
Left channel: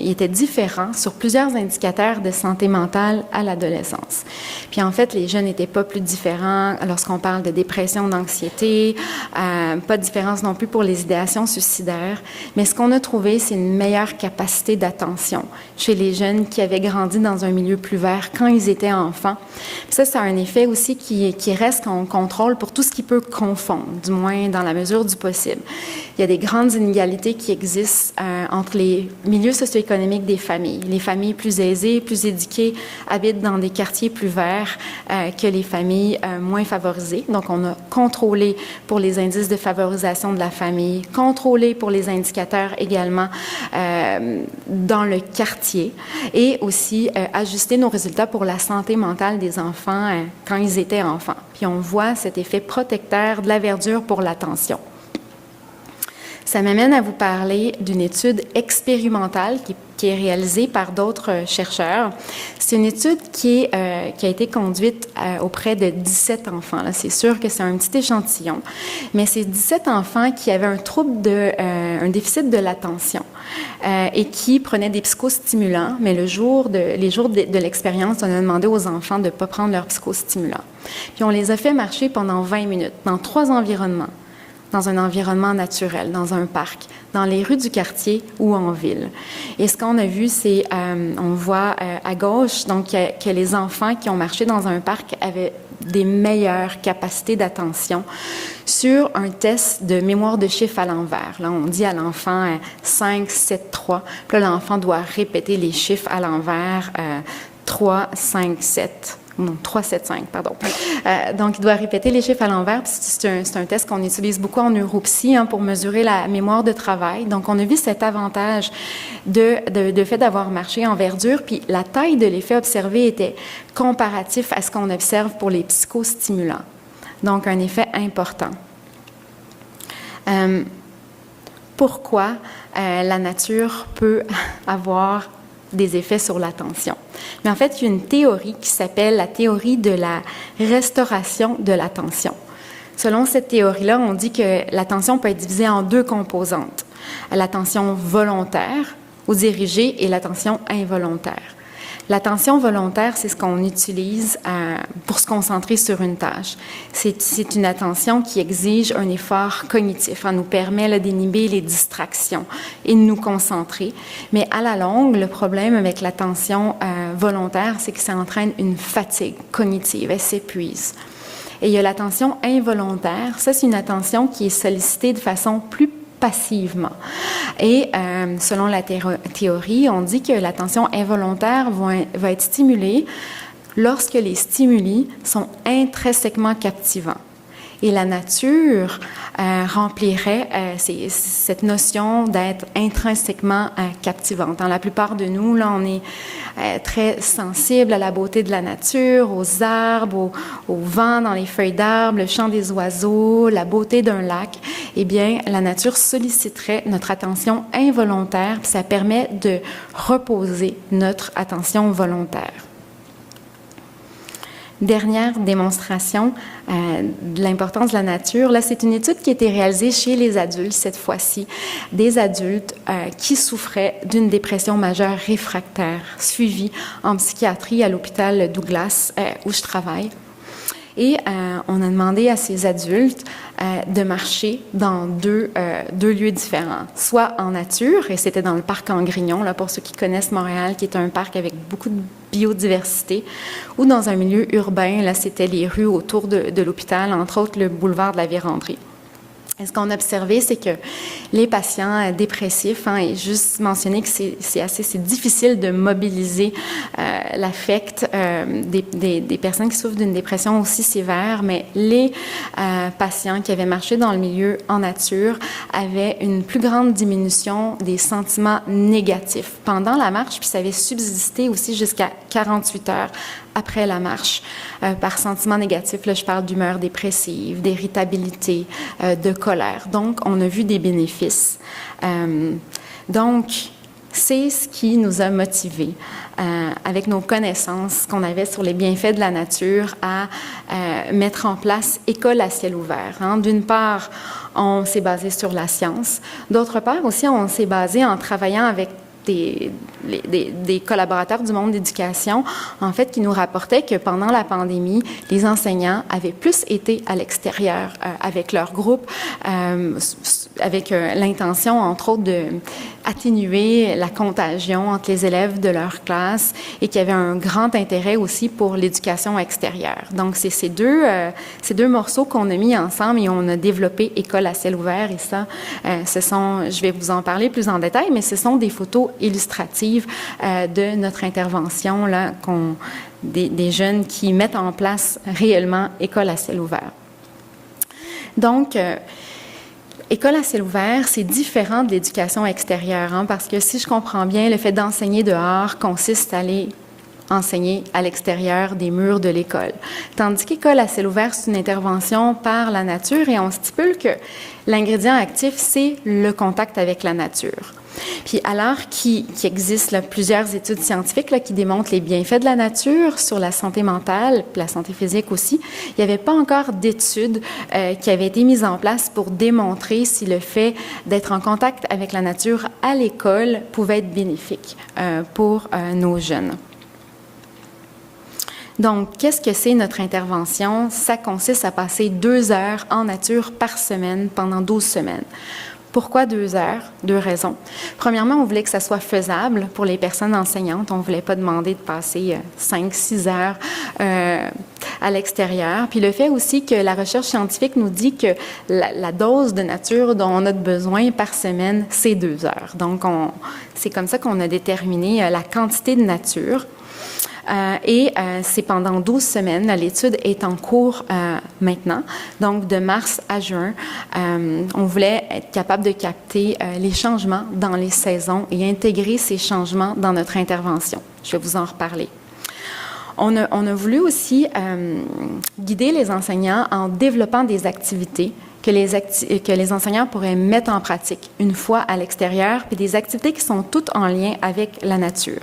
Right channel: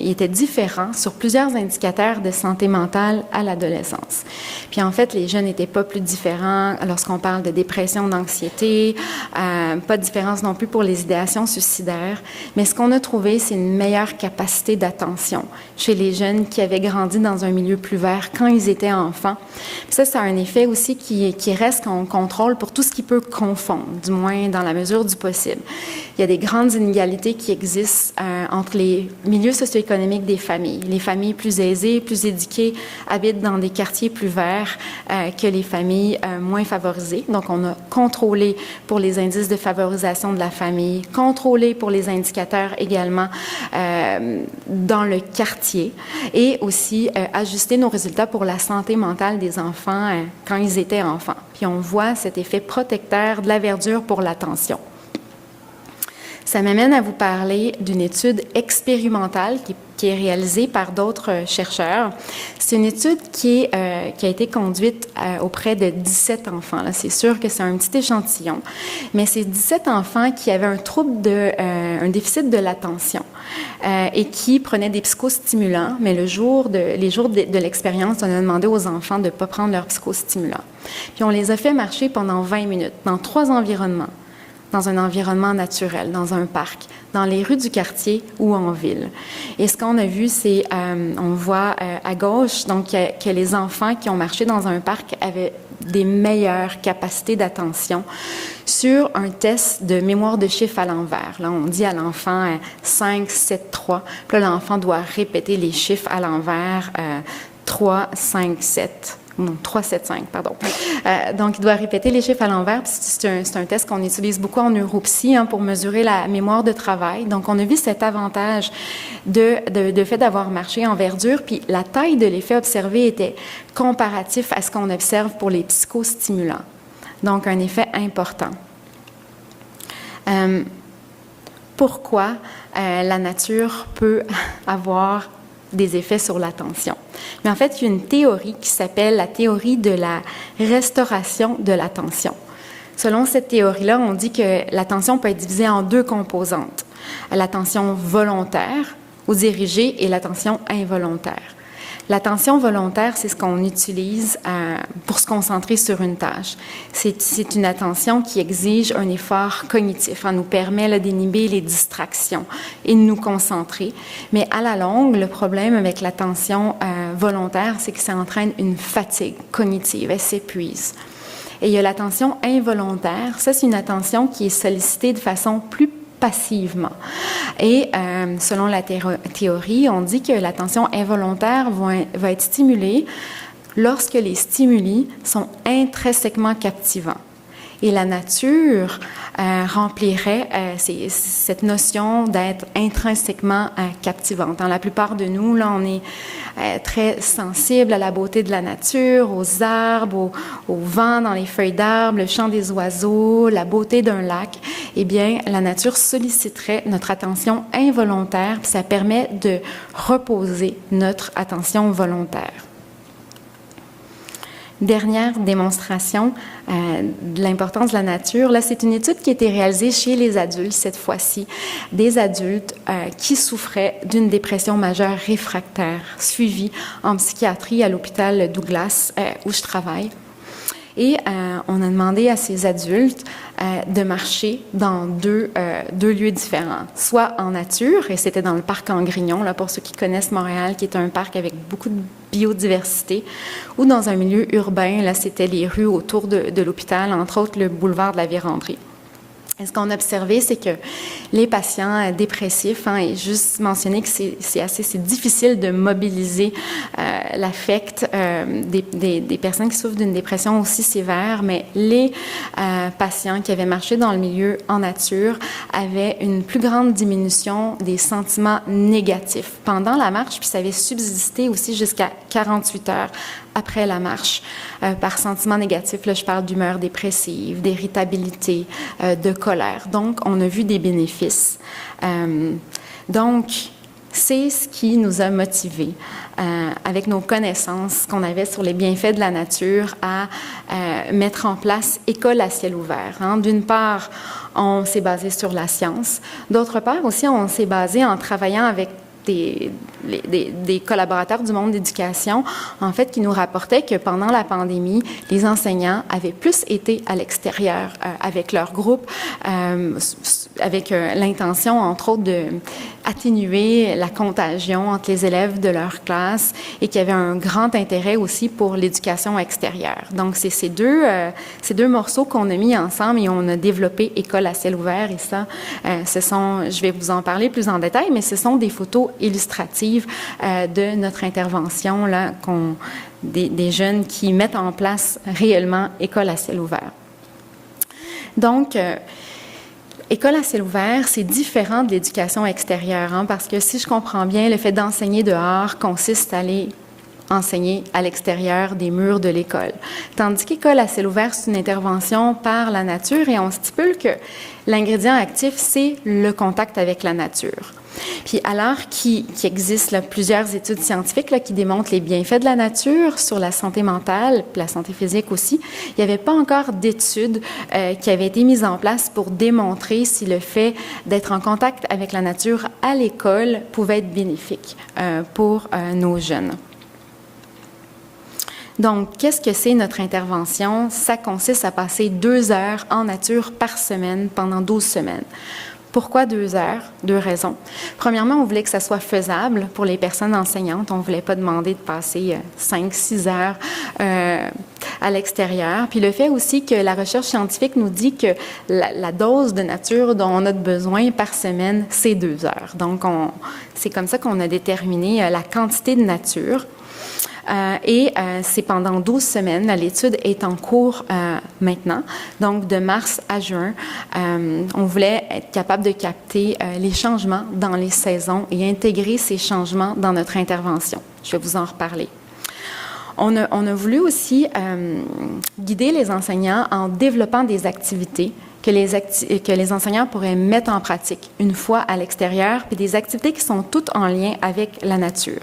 ils étaient différents sur plusieurs indicateurs de santé mentale à l'adolescence? Puis en fait, les jeunes n'étaient pas plus différents lorsqu'on parle de dépression, d'anxiété, pas de différence non plus pour les idéations suicidaires, mais ce qu'on a trouvé, c'est une meilleure capacité d'attention chez les jeunes qui avaient grandi dans un milieu plus vert quand ils étaient enfants. Puis ça a un effet aussi qui reste qu'on contrôle pour tout ce qui peut confondre, du moins dans la mesure du possible. Il y a des grandes inégalités qui existent entre les milieux socio-économiques des familles. Les familles plus aisées, plus éduquées, habitent dans des quartiers plus verts que les familles moins favorisées. Donc, on a contrôlé pour les indices de favorisation de la famille, contrôlé pour les indicateurs également dans le quartier et aussi ajusté nos résultats pour la santé mentale des enfants quand ils étaient enfants. Puis on voit cet effet protecteur de la verdure pour l'attention. Ça m'amène à vous parler d'une étude expérimentale qui est réalisée par d'autres chercheurs. C'est une étude qui a été conduite auprès de 17 enfants. Là, c'est sûr que c'est un petit échantillon, mais c'est 17 enfants qui avaient un trouble un déficit de l'attention et qui prenaient des psychostimulants, mais les jours de l'expérience, on a demandé aux enfants de ne pas prendre leurs psychostimulants. Puis on les a fait marcher pendant 20 minutes dans 3 environnements. Dans un environnement naturel, dans un parc, dans les rues du quartier ou en ville. Et ce qu'on a vu, c'est, on voit à gauche, donc que les enfants qui ont marché dans un parc avaient des meilleures capacités d'attention sur un test de mémoire de chiffres à l'envers. Là, on dit à l'enfant 5, 7, 3. Puis là, l'enfant doit répéter les chiffres à l'envers 3, 5, 7. Non, 3, 7, 5, pardon. Donc, il doit répéter les chiffres à l'envers. C'est un test qu'on utilise beaucoup en neuropsy pour mesurer la mémoire de travail. Donc, on a vu cet avantage de fait d'avoir marché en verdure. Puis, la taille de l'effet observé était comparatif à ce qu'on observe pour les psychostimulants. Donc, un effet important. Pourquoi la nature peut avoir des effets sur l'attention? Mais en fait, il y a une théorie qui s'appelle la théorie de la restauration de l'attention. Selon cette théorie-là, on dit que l'attention peut être divisée en 2 composantes. L'attention volontaire ou dirigée et l'attention involontaire. L'attention volontaire, c'est ce qu'on utilise pour se concentrer sur une tâche. C'est une attention qui exige un effort cognitif. Elle nous permet d'inhiber les distractions et de nous concentrer. Mais à la longue, le problème avec l'attention volontaire, c'est que ça entraîne une fatigue cognitive. Elle s'épuise. Et il y a l'attention involontaire. Ça, c'est une attention qui est sollicitée de façon plus passivement. Et selon la théorie, on dit que l'attention involontaire va être stimulée lorsque les stimuli sont intrinsèquement captivants. Et la nature remplirait cette notion d'être intrinsèquement captivante. Dans la plupart de nous, là, on est très sensible à la beauté de la nature, aux arbres, au vent dans les feuilles d'arbres, le chant des oiseaux, la beauté d'un lac. Eh bien, la nature solliciterait notre attention involontaire, puis ça permet de reposer notre attention volontaire. Dernière démonstration de l'importance de la nature. Là, c'est une étude qui a été réalisée chez les adultes, cette fois-ci, des adultes qui souffraient d'une dépression majeure réfractaire, suivie en psychiatrie à l'hôpital Douglas, où je travaille. Et on a demandé à ces adultes de marcher dans deux lieux différents, soit en nature, et c'était dans le parc Angrignon, là pour ceux qui connaissent Montréal, qui est un parc avec beaucoup de biodiversité, ou dans un milieu urbain, là c'était les rues autour de l'hôpital, entre autres le boulevard de la Vérandrie. Et ce qu'on a observé, c'est que les patients dépressifs, et juste mentionner que c'est difficile de mobiliser l'affect des personnes qui souffrent d'une dépression aussi sévère, mais les patients qui avaient marché dans le milieu en nature avaient une plus grande diminution des sentiments négatifs pendant la marche, puis ça avait subsisté aussi jusqu'à 48 heures après la marche. Par sentiments négatifs, là, je parle d'humeur dépressive, d'irritabilité, de colère. Donc, on a vu des bénéfices. Donc, c'est ce qui nous a motivés, avec nos connaissances qu'on avait sur les bienfaits de la nature, à mettre en place École à ciel ouvert. D'une part, on s'est basé sur la science. D'autre part aussi, on s'est basé en travaillant avec des collaborateurs du monde d'éducation, en fait, qui nous rapportaient que pendant la pandémie, les enseignants avaient plus été à l'extérieur avec leur groupe, avec l'intention, entre autres, d'atténuer la contagion entre les élèves de leur classe et qu'il y avait un grand intérêt aussi pour l'éducation extérieure. Donc, c'est ces deux morceaux qu'on a mis ensemble et on a développé École à ciel ouvert. Et ça, je vais vous en parler plus en détail, mais ce sont des photos illustratives de notre intervention, là, des jeunes qui mettent en place réellement École à ciel ouvert. Donc, École à ciel ouvert, c'est différent de l'éducation extérieure, parce que si je comprends bien, le fait d'enseigner dehors consiste à aller enseigner à l'extérieur des murs de l'école. Tandis qu'École à ciel ouvert, c'est une intervention par la nature et on stipule que l'ingrédient actif, c'est le contact avec la nature. Puis alors qu'il existe plusieurs études scientifiques qui démontrent les bienfaits de la nature sur la santé mentale, puis la santé physique aussi, il n'y avait pas encore d'études qui avaient été mises en place pour démontrer si le fait d'être en contact avec la nature à l'école pouvait être bénéfique pour nos jeunes. Donc, qu'est-ce que c'est notre intervention? Ça consiste à passer 2 heures en nature par semaine pendant 12 semaines. Pourquoi 2 heures? 2 raisons. Premièrement, on voulait que ça soit faisable pour les personnes enseignantes. On ne voulait pas demander de passer 5-6 heures à l'extérieur. Puis le fait aussi que la recherche scientifique nous dit que la dose de nature dont on a besoin par semaine, c'est 2 heures. Donc, c'est comme ça qu'on a déterminé la quantité de nature. C'est pendant 12 semaines. L'étude est en cours maintenant, donc de mars à juin. On voulait être capable de capter les changements dans les saisons et intégrer ces changements dans notre intervention. Je vais vous en reparler. On a voulu aussi guider les enseignants en développant des activités que les enseignants pourraient mettre en pratique une fois à l'extérieur, puis des activités qui sont toutes en lien avec la nature.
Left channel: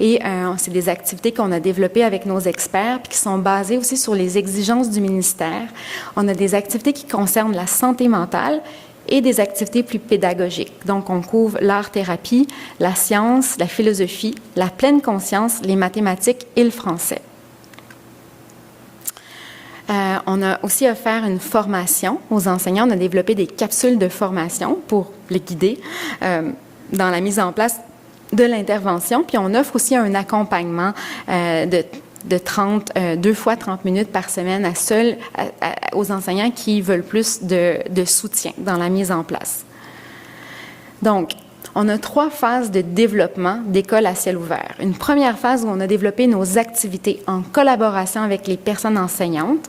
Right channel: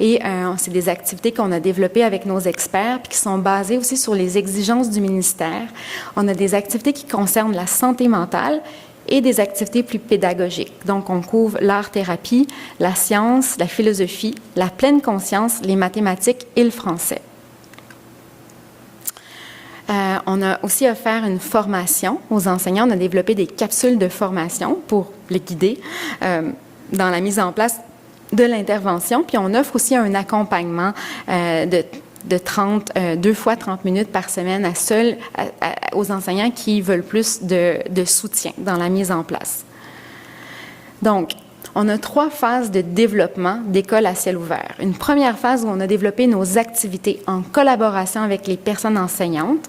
Et c'est des activités qu'on a développées avec nos experts, puis qui sont basées aussi sur les exigences du ministère. On a des activités qui concernent la santé mentale et des activités plus pédagogiques. Donc, on couvre l'art-thérapie, la science, la philosophie, la pleine conscience, les mathématiques et le français. On a aussi offert une formation aux enseignants. On a développé des capsules de formation pour les guider dans la mise en place de l'intervention. Puis on offre aussi un accompagnement de 2 fois 30 minutes par semaine aux enseignants qui veulent plus de soutien dans la mise en place. Donc, on a 3 phases de développement d'École à ciel ouvert. Une première phase où on a développé nos activités en collaboration avec les personnes enseignantes.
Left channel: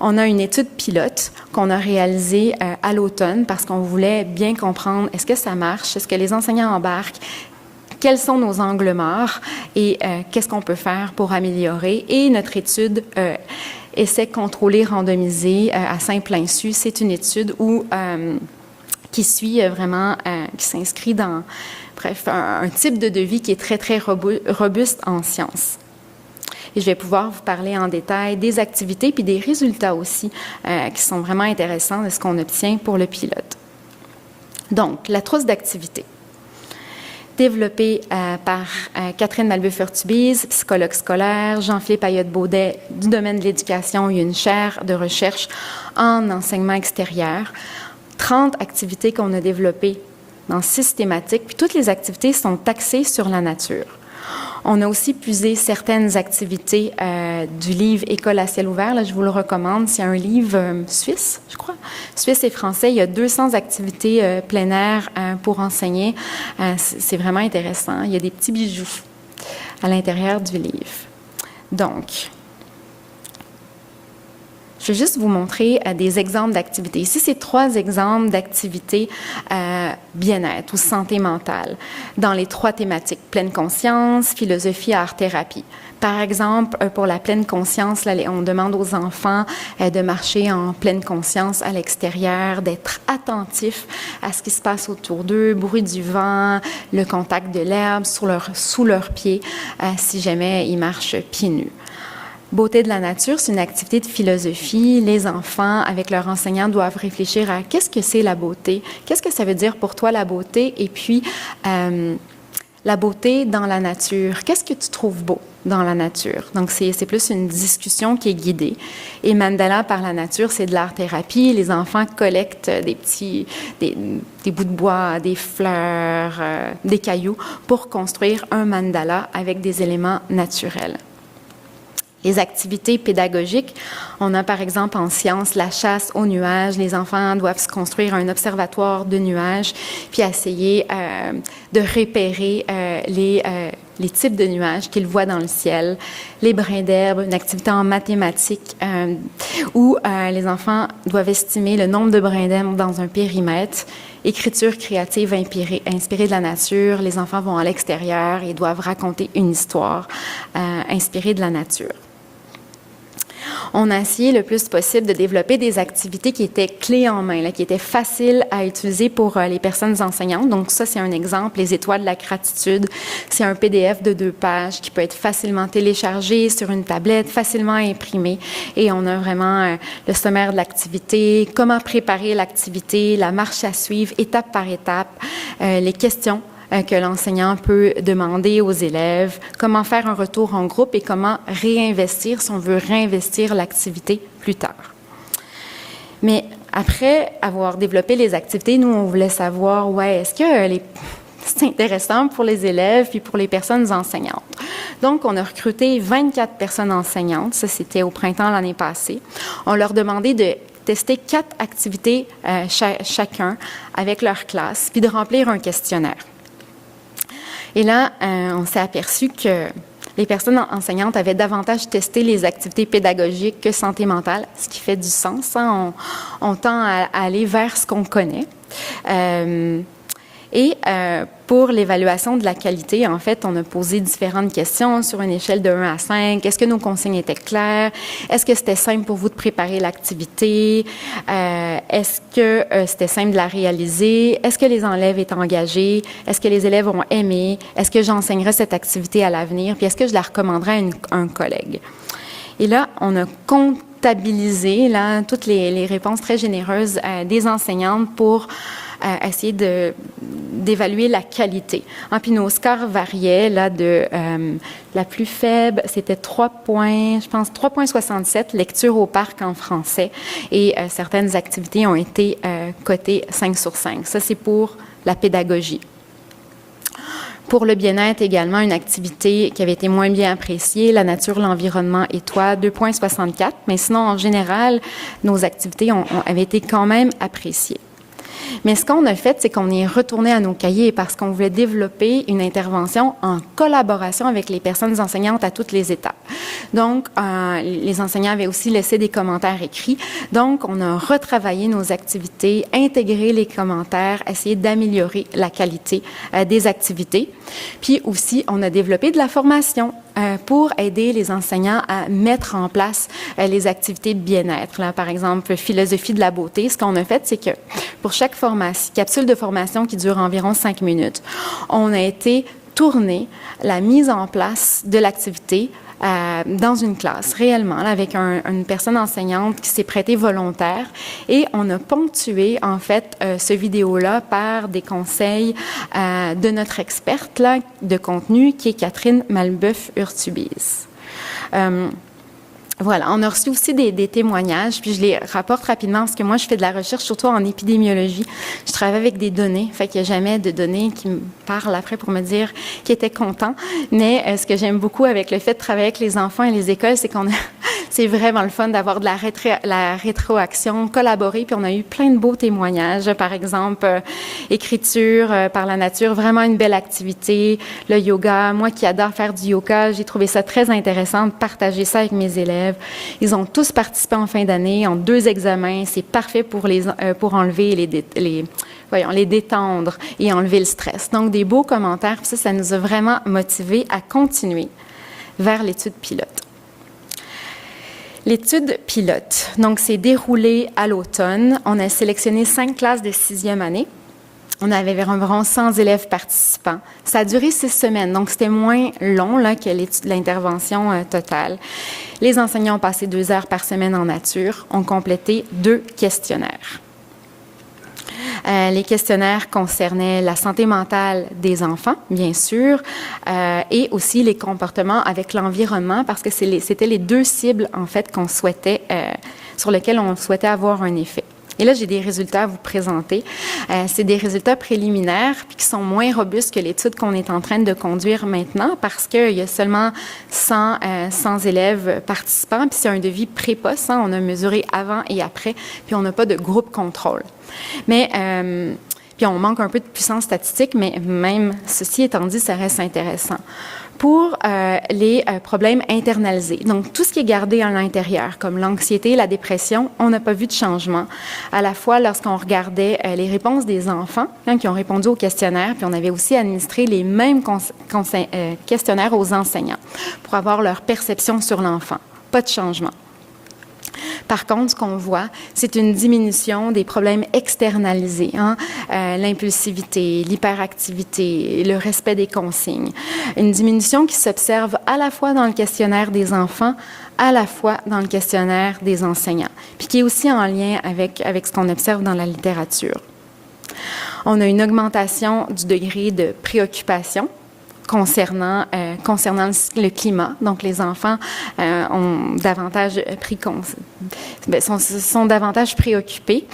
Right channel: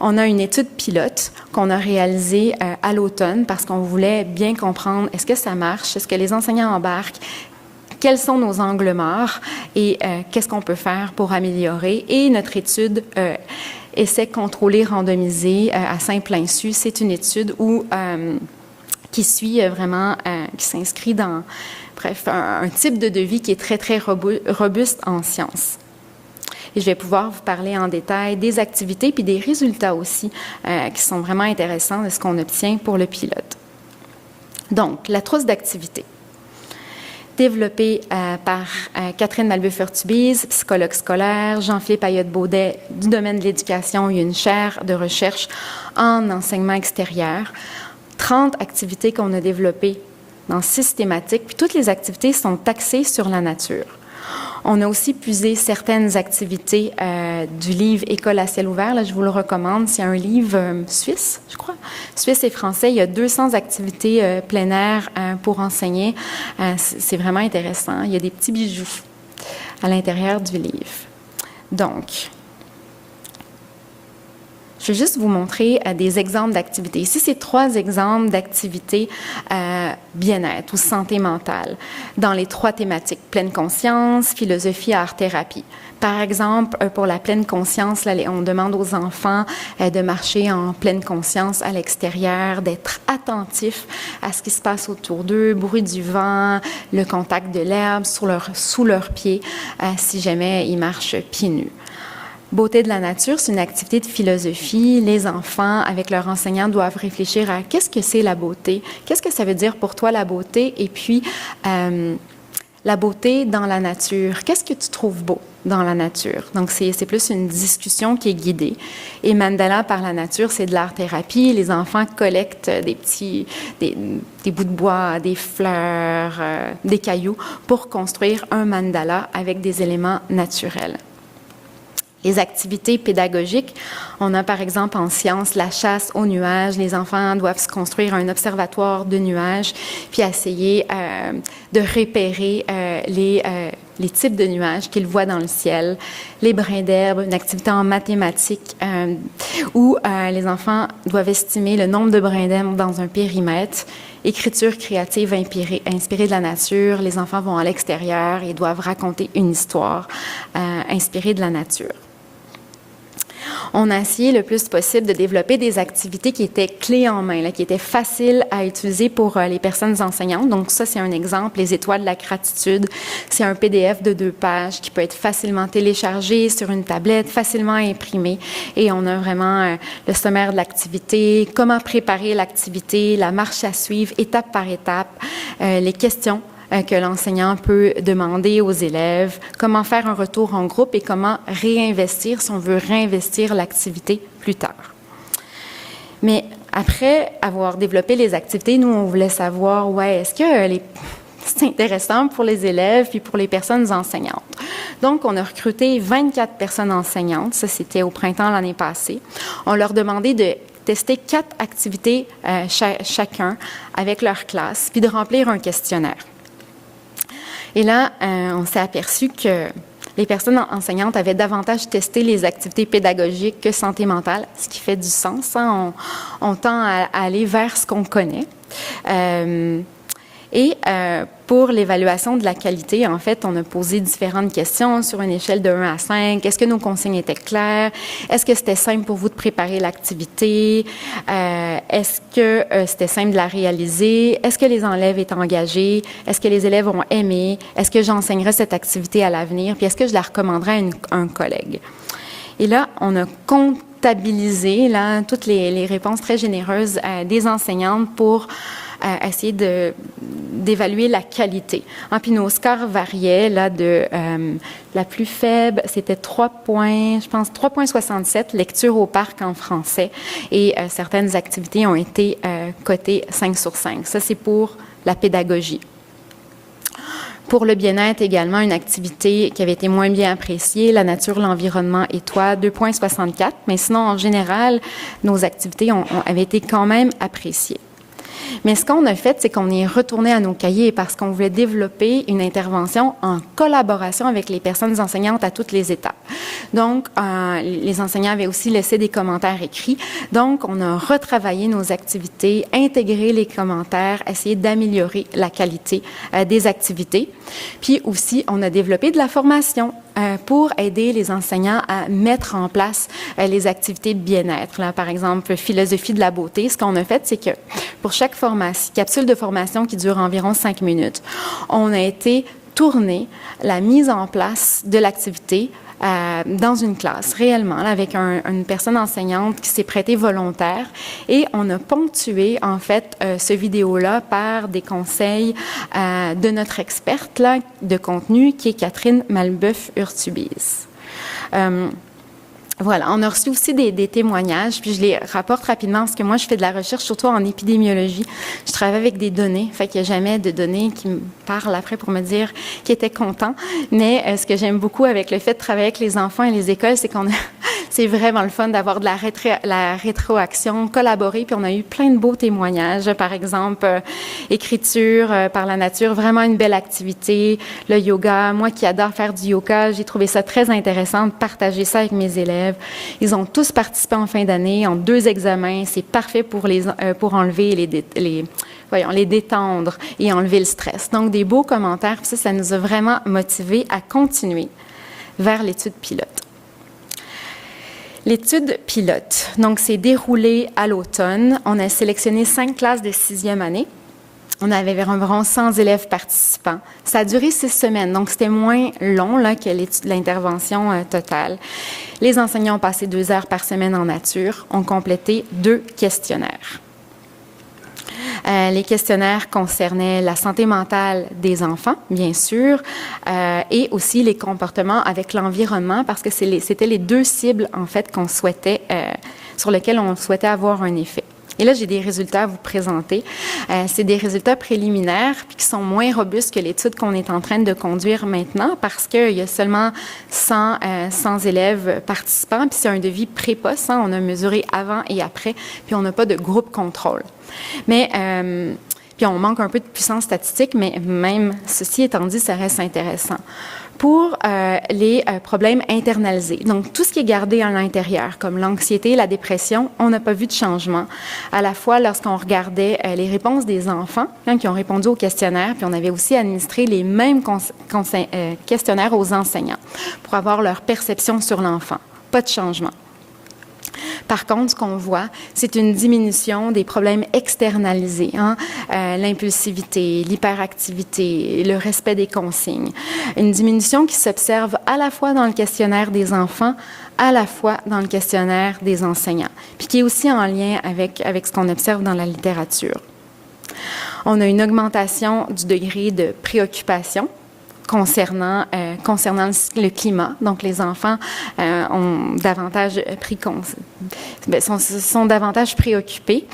On a une étude pilote qu'on a réalisée à l'automne parce qu'on voulait bien comprendre est-ce que ça marche, est-ce que les enseignants embarquent, quels sont nos angles morts et qu'est-ce qu'on peut faire pour améliorer. Et notre étude essai contrôlé randomisé à Saint-Plainsu, c'est une étude où qui suit vraiment, qui s'inscrit dans, bref, un type de devis qui est très, très robuste en sciences. Et je vais pouvoir vous parler en détail des activités puis des résultats aussi qui sont vraiment intéressants de ce qu'on obtient pour le pilote. Donc, la trousse d'activités. Développée par Catherine Malbeuf-Urtubise, psychologue scolaire, Jean-Philippe Ayotte-Baudet du domaine de l'éducation. Il y a une chaire de recherche en enseignement extérieur. 30 activités qu'on a développées dans 6 thématiques, puis toutes les activités sont axées sur la nature. On a aussi puisé certaines activités du livre École à ciel ouvert. Là, je vous le recommande. C'est un livre suisse, je crois. Suisse et français. Il y a 200 activités plein air pour enseigner. C'est vraiment intéressant. Il y a des petits bijoux à l'intérieur du livre. Donc, je vais juste vous montrer des exemples d'activités. Ici, c'est 3 exemples d'activités bien-être ou santé mentale dans les 3 thématiques, pleine conscience, philosophie, art-thérapie. Par exemple, pour la pleine conscience, là, on demande aux enfants de marcher en pleine conscience à l'extérieur, d'être attentifs à ce qui se passe autour d'eux, bruit du vent, le contact de l'herbe sous leurs pieds, si jamais ils marchent pieds nus. Beauté de la nature, c'est une activité de philosophie. Les enfants, avec leurs enseignants, doivent réfléchir à qu'est-ce que c'est la beauté, qu'est-ce que ça veut dire pour toi la beauté, et puis la beauté dans la nature. Qu'est-ce que tu trouves beau dans la nature? Donc, c'est plus une discussion qui est guidée. Et mandala par la nature, c'est de l'art-thérapie. Les enfants collectent des bouts de bois, des fleurs, des cailloux pour construire un mandala avec des éléments naturels. Les activités pédagogiques, on a par exemple en sciences la chasse aux nuages. Les enfants doivent se construire un observatoire de nuages, puis essayer de repérer les types de nuages qu'ils voient dans le ciel. Les brins d'herbe, une activité en mathématiques où les enfants doivent estimer le nombre de brins d'herbe dans un périmètre. Écriture créative inspirée de la nature. Les enfants vont à l'extérieur et doivent raconter une histoire inspirée de la nature. On a essayé le plus possible de développer des activités qui étaient clés en main, là, qui étaient faciles à utiliser pour les personnes enseignantes. Donc ça, c'est un exemple, les étoiles de la gratitude. C'est un PDF de 2 pages qui peut être facilement téléchargé sur une tablette, facilement imprimé. Et on a vraiment le sommaire de l'activité, comment préparer l'activité, la marche à suivre, étape par étape, les questions que l'enseignant peut demander aux élèves, comment faire un retour en groupe et comment réinvestir, si on veut réinvestir l'activité plus tard. Mais après avoir développé les activités, nous, on voulait savoir, est-ce que c'est intéressant pour les élèves puis pour les personnes enseignantes. Donc, on a recruté 24 personnes enseignantes, ça c'était au printemps l'année passée. On leur demandait de tester 4 activités chacun avec leur classe, puis de remplir un questionnaire. Et là, on s'est aperçu que les personnes enseignantes avaient davantage testé les activités pédagogiques que santé mentale, ce qui fait du sens. Hein? On tend à aller vers ce qu'on connaît. Pour l'évaluation de la qualité, en fait, on a posé différentes questions sur une échelle de 1 à 5. Est-ce que nos consignes étaient claires? Est-ce que c'était simple pour vous de préparer l'activité? Est-ce que c'était simple de la réaliser? Est-ce que les élèves étaient engagés? Est-ce que les élèves ont aimé? Est-ce que j'enseignerai cette activité à l'avenir? Puis est-ce que je la recommanderais à un collègue? Et là, on a comptabilisé toutes les réponses très généreuses des enseignantes pour essayer d'évaluer la qualité. Puis nos scores variaient de la plus faible, c'était 3,67 lecture au parc en français, et certaines activités ont été cotées 5 sur 5. Ça, c'est pour la pédagogie. Pour le bien-être également, une activité qui avait été moins bien appréciée, la nature, l'environnement et toi, 2,64. Mais sinon, en général, nos activités avaient été quand même appréciées. Mais ce qu'on a fait, c'est qu'on est retourné à nos cahiers parce qu'on voulait développer une intervention en collaboration avec les personnes enseignantes à toutes les étapes. Donc, les enseignants avaient aussi laissé des commentaires écrits. Donc, on a retravaillé nos activités, intégré les commentaires, essayé d'améliorer la qualité des activités. Puis aussi, on a développé de la formation pour aider les enseignants à mettre en place les activités de bien-être. Là, par exemple, philosophie de la beauté. Ce qu'on a fait, c'est que pour chaque capsule de formation qui dure environ 5 minutes, on a été tourner la mise en place de l'activité dans une classe, réellement, là, avec une personne enseignante qui s'est prêtée volontaire, et on a ponctué, en fait, ce vidéo-là par des conseils de notre experte là, de contenu, qui est Catherine Malbeuf-Urtubis. Voilà, on a reçu aussi des témoignages, puis je les rapporte rapidement parce que moi, je fais de la recherche surtout en épidémiologie. Je travaille avec des données, fait qu'il n'y a jamais de données qui me parlent après pour me dire qu'ils étaient contents. Mais ce que j'aime beaucoup avec le fait de travailler avec les enfants et les écoles, c'est c'est vraiment le fun d'avoir de la rétroaction, collaborer, puis on a eu plein de beaux témoignages. Par exemple, écriture par la nature, vraiment une belle activité. Le yoga, moi qui adore faire du yoga, j'ai trouvé ça très intéressant de partager ça avec mes élèves. Ils ont tous participé en fin d'année, en 2 examens. C'est parfait pour enlever les détendre et enlever le stress. Donc, des beaux commentaires. Puis ça nous a vraiment motivés à continuer vers l'étude pilote. L'étude pilote, donc, s'est déroulée à l'automne. On a sélectionné 5 classes de 6e année. On avait environ 100 élèves participants. Ça a duré 6 semaines, donc c'était moins long là, que l'intervention totale. Les enseignants ont passé 2 heures par semaine en nature, ont complété 2 questionnaires. Les questionnaires concernaient la santé mentale des enfants, bien sûr, et aussi les comportements avec l'environnement, parce que c'était les 2 cibles, en fait, sur lesquelles on souhaitait avoir un effet. Et là, j'ai des résultats à vous présenter. C'est des résultats préliminaires puis qui sont moins robustes que l'étude qu'on est en train de conduire maintenant parce qu'il y a seulement 100 élèves participants puis c'est un devis pré-poste. On a mesuré avant et après puis on n'a pas de groupe contrôle. Mais puis on manque un peu de puissance statistique, mais même ceci étant dit, ça reste intéressant. Pour les problèmes internalisés, donc tout ce qui est gardé à l'intérieur, comme l'anxiété, la dépression, on n'a pas vu de changement. À la fois lorsqu'on regardait les réponses des enfants qui ont répondu au questionnaire, puis on avait aussi administré les mêmes questionnaires aux enseignants pour avoir leur perception sur l'enfant. Pas de changement. Par contre, ce qu'on voit, c'est une diminution des problèmes externalisés, l'impulsivité, l'hyperactivité, le respect des consignes. Une diminution qui s'observe à la fois dans le questionnaire des enfants, à la fois dans le questionnaire des enseignants, puis qui est aussi en lien avec ce qu'on observe dans la littérature. On a une augmentation du degré de préoccupation concernant le climat. Donc, les enfants ont davantage sont davantage préoccupés.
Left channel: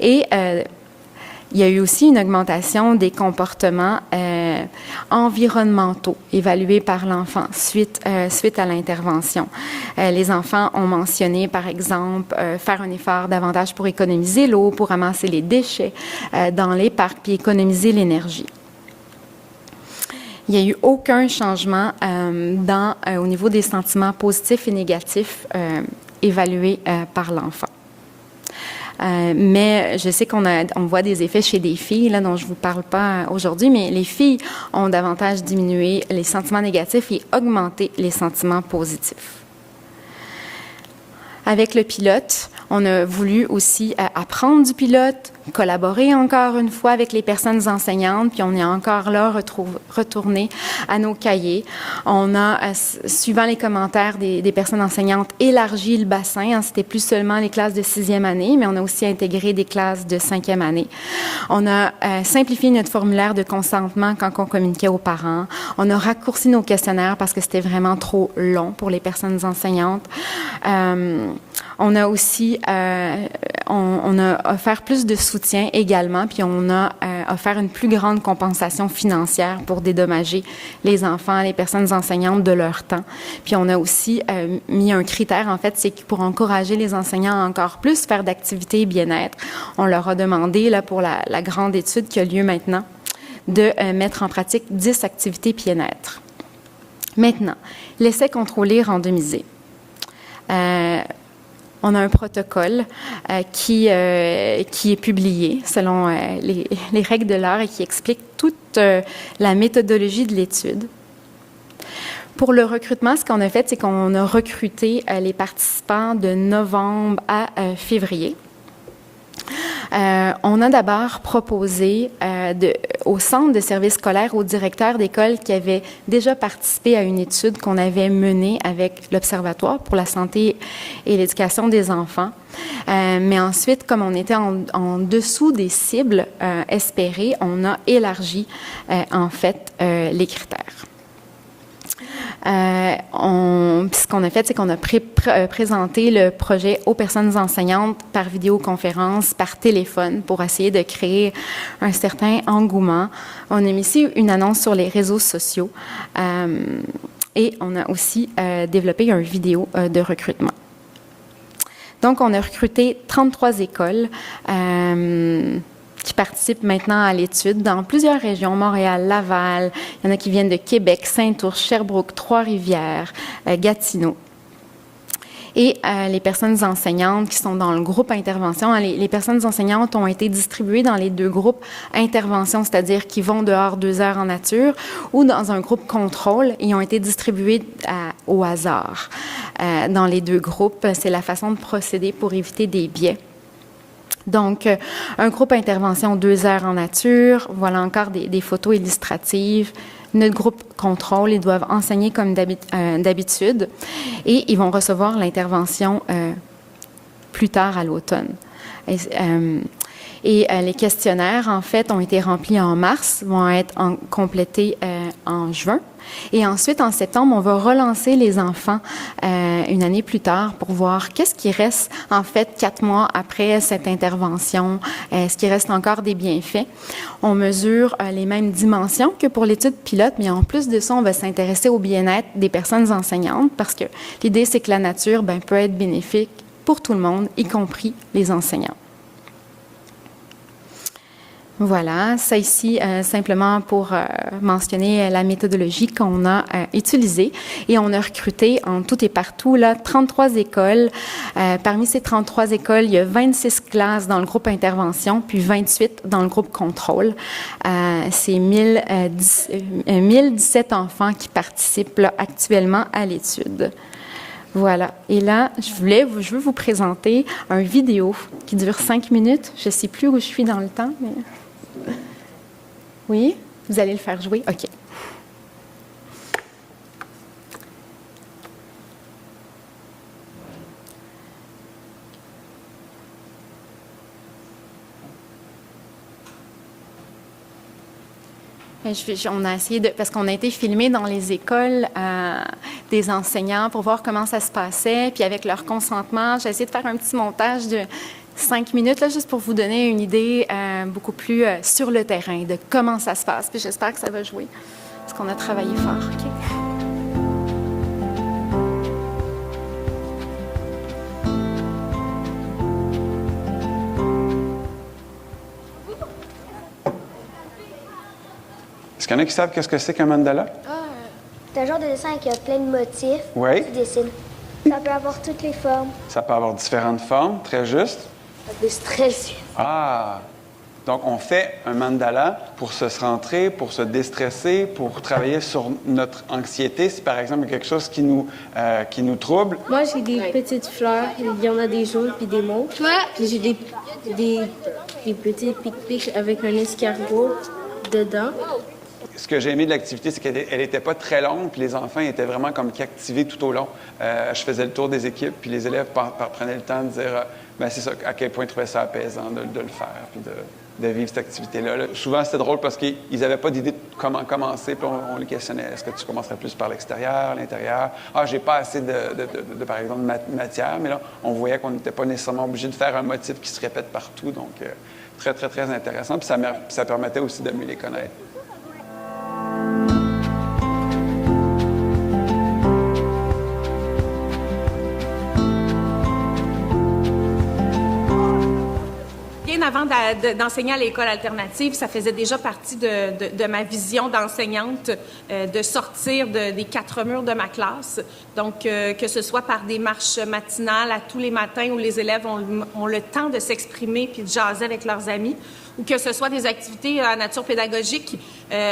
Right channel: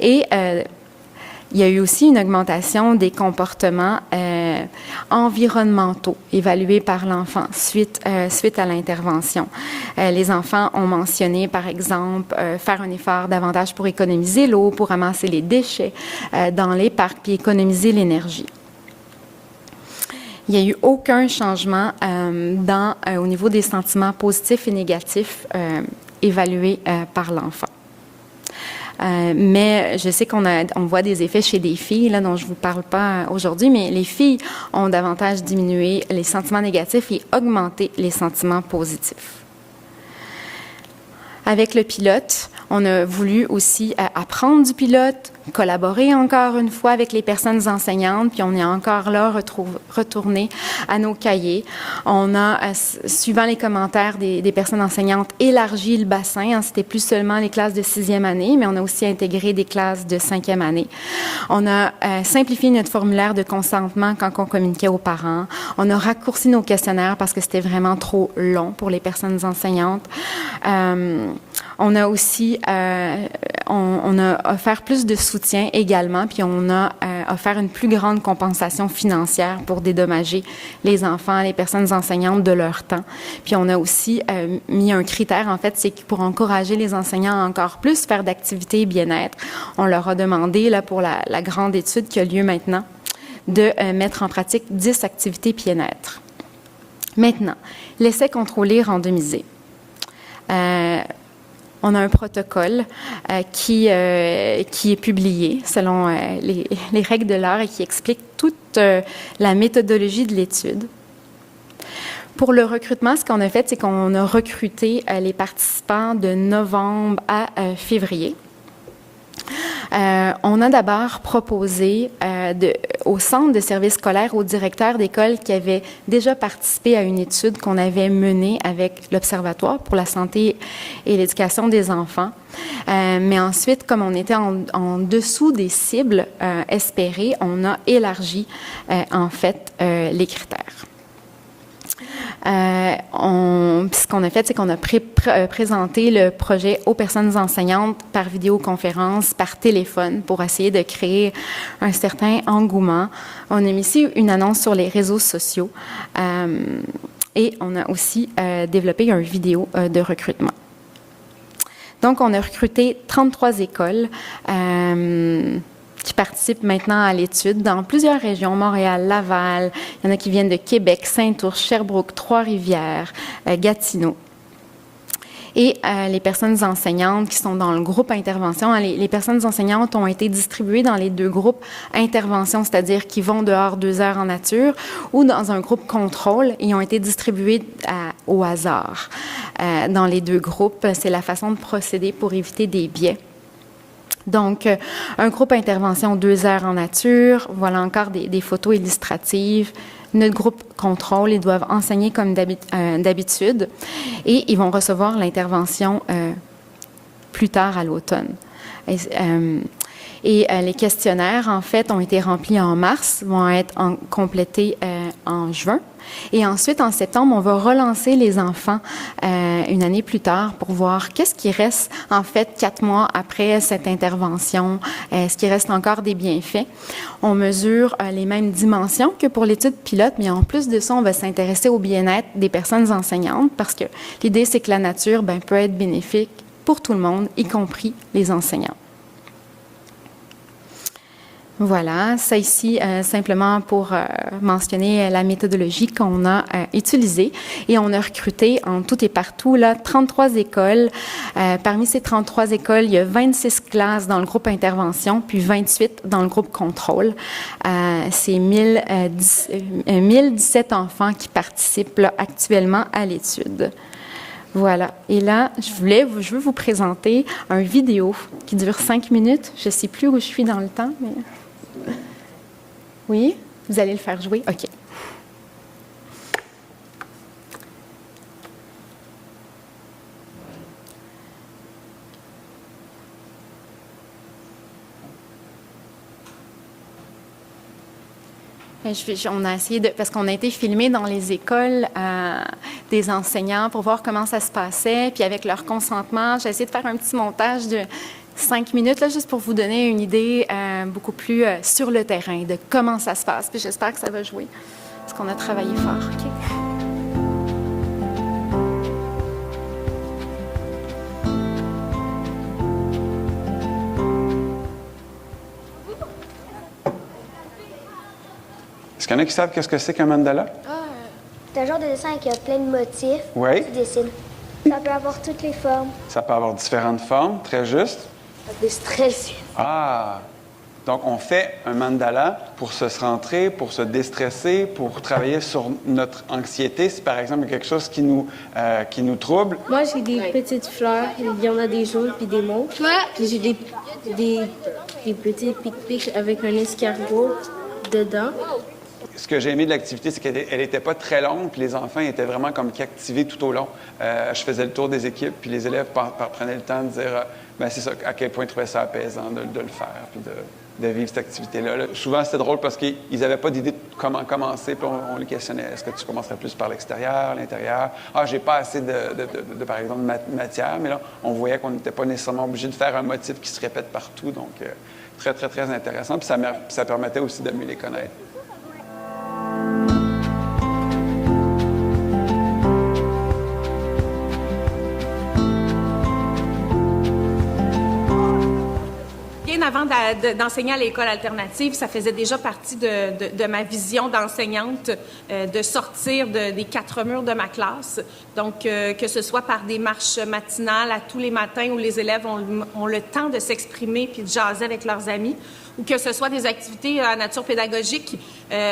Et il y a eu aussi une augmentation des comportements environnementaux évalués par l'enfant suite à l'intervention. Les enfants ont mentionné, par exemple, faire un effort davantage pour économiser l'eau, pour ramasser les déchets dans les parcs, puis économiser l'énergie. Il n'y a eu aucun changement au niveau des sentiments positifs et négatifs évalués par l'enfant. Mais je sais qu'on voit des effets chez des filles, là, dont je ne vous parle pas aujourd'hui, mais les filles ont davantage diminué les sentiments négatifs et augmenté les sentiments positifs. Avec le pilote, on a voulu aussi apprendre du pilote, collaborer encore une fois avec les personnes enseignantes, puis on est encore là retourné à nos cahiers. On a, suivant les commentaires des personnes enseignantes, élargi le bassin. C'était plus seulement les classes de 6e année, mais on a aussi intégré des classes de 5e année. On a simplifié notre formulaire de consentement quand on communiquait aux parents. On a raccourci nos questionnaires parce que c'était vraiment trop long pour les personnes enseignantes. On a aussi on a offert plus de soutien également, puis on a offert une plus grande compensation financière pour dédommager les enfants, les personnes enseignantes de leur temps. Puis on a aussi mis un critère, en fait, c'est pour encourager les enseignants à encore plus faire d'activités bien-être. On leur a demandé, là, pour la grande étude qui a lieu maintenant, de mettre en pratique 10 activités bien-être. Maintenant, l'essai contrôlé randomisé. On a un protocole qui est publié selon les règles de l'art et qui explique toute la méthodologie de l'étude. Pour le recrutement, ce qu'on a fait, c'est qu'on a recruté les participants de novembre à février. On a d'abord proposé au centre de services scolaires, au directeur d'école qui avait déjà participé à une étude qu'on avait menée avec l'Observatoire pour la santé et l'éducation des enfants. Mais ensuite, comme on était en dessous des cibles espérées, on a élargi en fait les critères. Ce qu'on a fait, c'est qu'on a présenté le projet aux personnes enseignantes par vidéoconférence, par téléphone, pour essayer de créer un certain engouement. On a mis ici une annonce sur les réseaux sociaux et on a aussi développé une vidéo de recrutement. Donc, on a recruté 33 écoles qui participent maintenant à l'étude dans plusieurs régions, Montréal, Laval, il y en a qui viennent de Québec, Saint-Ours, Sherbrooke, Trois-Rivières, Gatineau. Et les personnes enseignantes qui sont dans le groupe intervention, les personnes enseignantes ont été distribuées dans les 2 groupes intervention, c'est-à-dire qui vont dehors 2 heures en nature, ou dans un groupe contrôle, et ont été distribuées au hasard. Dans les 2 groupes, c'est la façon de procéder pour éviter des biais. Donc, un groupe intervention 2 heures en nature, voilà encore des photos illustratives. Notre groupe contrôle, ils doivent enseigner comme d'habitude et ils vont recevoir l'intervention plus tard à l'automne. Et les questionnaires, en fait, ont été remplis en mars, vont être complétés en juin. Et ensuite, en septembre, on va relancer les enfants une année plus tard pour voir qu'est-ce qui reste, en fait, 4 mois après cette intervention. Est-ce qu'il reste encore des bienfaits? On mesure les mêmes dimensions que pour l'étude pilote, mais en plus de ça, on va s'intéresser au bien-être des personnes enseignantes parce que l'idée, c'est que la nature peut être bénéfique pour tout le monde, y compris les enseignants. Voilà, ça ici, simplement pour mentionner la méthodologie qu'on a utilisée. Et on a recruté en tout et partout 33 écoles. Parmi ces 33 écoles, il y a 26 classes dans le groupe intervention, puis 28 dans le groupe contrôle. C'est 1017 enfants qui participent actuellement à l'étude. Voilà. Et là, je veux vous présenter une vidéo qui dure 5 minutes. Je ne sais plus où je suis dans le temps, mais... Oui? Vous allez le faire jouer? OK. On a essayé parce qu'on a été filmé dans les écoles des enseignants pour voir comment ça se passait, puis avec leur consentement, j'ai essayé de faire un petit montage de 5 minutes, là, juste pour vous donner une idée beaucoup plus sur le terrain de comment ça se passe. Puis j'espère que ça va jouer, parce qu'on a travaillé fort. OK? Est-ce qu'il y en a qui savent qu'est-ce que c'est qu'un mandala? C'est un genre de dessin avec plein de motifs. Oui. Tu dessines. Ça peut avoir toutes les formes. Ça peut avoir différentes formes, très juste. Ça peut stresser. Ah! Donc, on fait un mandala pour se centrer, pour se déstresser, pour travailler sur notre anxiété. Si, par exemple, il y a quelque chose qui nous trouble. Moi, j'ai des petites fleurs. Il y en a des jaunes puis des mauves. Puis j'ai des petits pic-pics avec un escargot dedans. Ce que j'ai aimé de l'activité, c'est qu'elle n'était pas très longue, puis les enfants étaient vraiment comme activés tout au long. Je faisais le tour des équipes, puis les élèves prenaient le temps de dire c'est ça, à quel point ils trouvaient ça apaisant de le faire, puis de vivre cette activité-là. Souvent, c'était drôle parce qu'ils n'avaient pas d'idée de comment commencer, puis on les questionnait. Est-ce que tu commencerais plus par l'extérieur, l'intérieur? Ah, j'ai pas assez de par exemple, matière, mais là, on voyait qu'on n'était pas nécessairement obligé de faire un motif qui se répète partout, donc très, très, très intéressant, puis ça permettait aussi de mieux les connaître. Avant d'enseigner à l'école alternative, ça faisait déjà partie de ma vision d'enseignante de sortir des 4 murs de ma classe. Donc, que ce soit par des marches matinales à tous les matins où les élèves ont le temps de s'exprimer puis de jaser avec leurs amis, ou que ce soit des activités à nature pédagogique,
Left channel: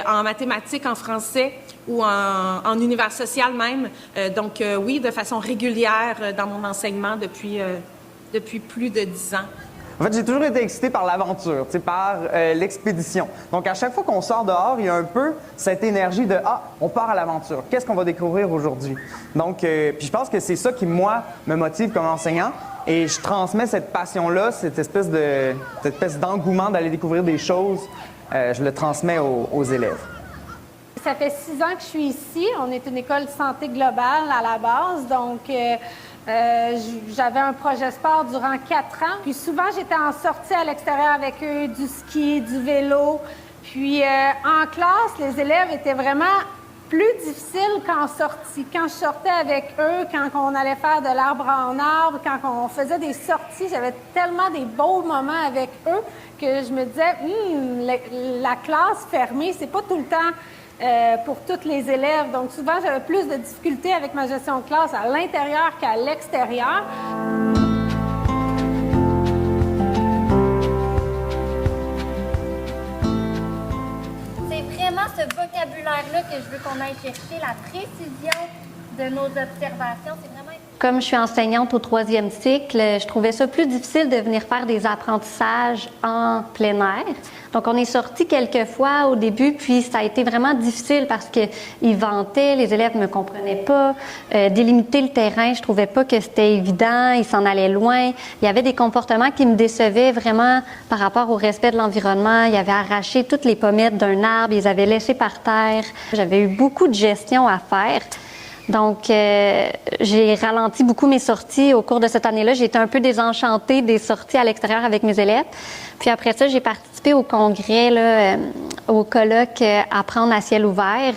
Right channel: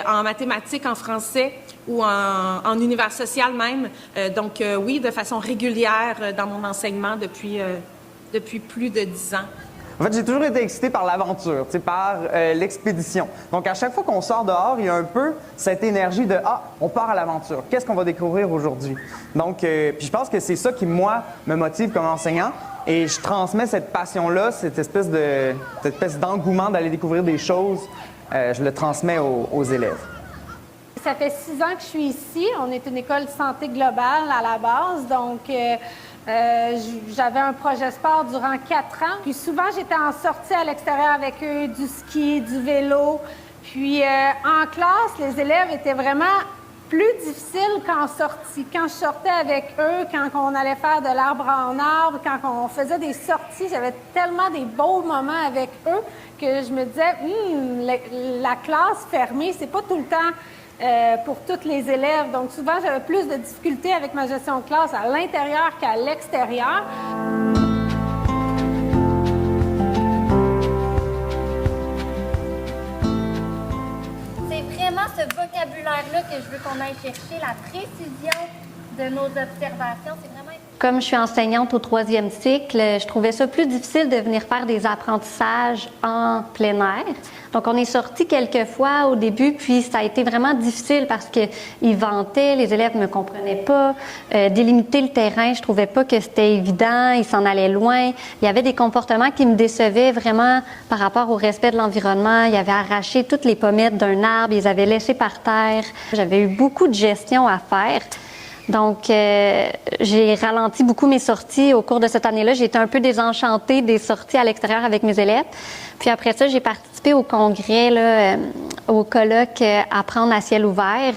en mathématiques, en français ou en univers social même. Donc, oui, de façon régulière dans mon enseignement depuis plus de 10 ans. En fait, j'ai toujours été excité par l'aventure, par l'expédition. Donc, à chaque fois qu'on sort dehors, il y a un peu cette énergie de « Ah, on part à l'aventure. Qu'est-ce qu'on va découvrir aujourd'hui? » Donc, puis je pense que c'est ça qui, moi, me motive comme enseignant. Et je transmets cette passion-là, cette espèce d'engouement d'aller découvrir des choses, je le transmets aux élèves. Ça fait 6 ans que je suis ici. On est une école santé globale à la base, donc j'avais un projet sport durant 4 ans. Puis souvent, j'étais en sortie à l'extérieur avec eux, du ski, du vélo. Puis en classe, les élèves étaient vraiment plus difficiles qu'en sortie. Quand je sortais avec eux, quand on allait faire de l'arbre en arbre, quand on faisait des sorties, j'avais tellement des beaux moments avec eux que je me disais, la classe fermée, c'est pas tout le temps pour tous les élèves. Donc souvent, j'avais plus de difficultés avec ma gestion de classe à l'intérieur qu'à l'extérieur. vocabulaire-là que je veux qu'on aille chercher, la précision de nos observations. C'est vraiment... Comme je suis enseignante au 3e cycle, je trouvais ça plus difficile de venir faire des apprentissages en plein air. Donc, on est sortis quelques fois au début, puis ça a été vraiment difficile parce qu'ils vantaient, les élèves ne me comprenaient pas. Délimiter le terrain, je trouvais pas que c'était évident, ils s'en allaient loin. Il y avait des comportements qui me décevaient vraiment par rapport au respect de l'environnement. Ils avaient arraché toutes les pommettes d'un arbre, ils les avaient laissées par terre. J'avais eu beaucoup de gestion à faire. Donc, j'ai ralenti beaucoup mes sorties au cours de cette année-là. J'ai été un peu désenchantée des sorties à l'extérieur avec mes élèves. Puis après ça, j'ai participé au congrès, là, au colloque Apprendre à ciel ouvert.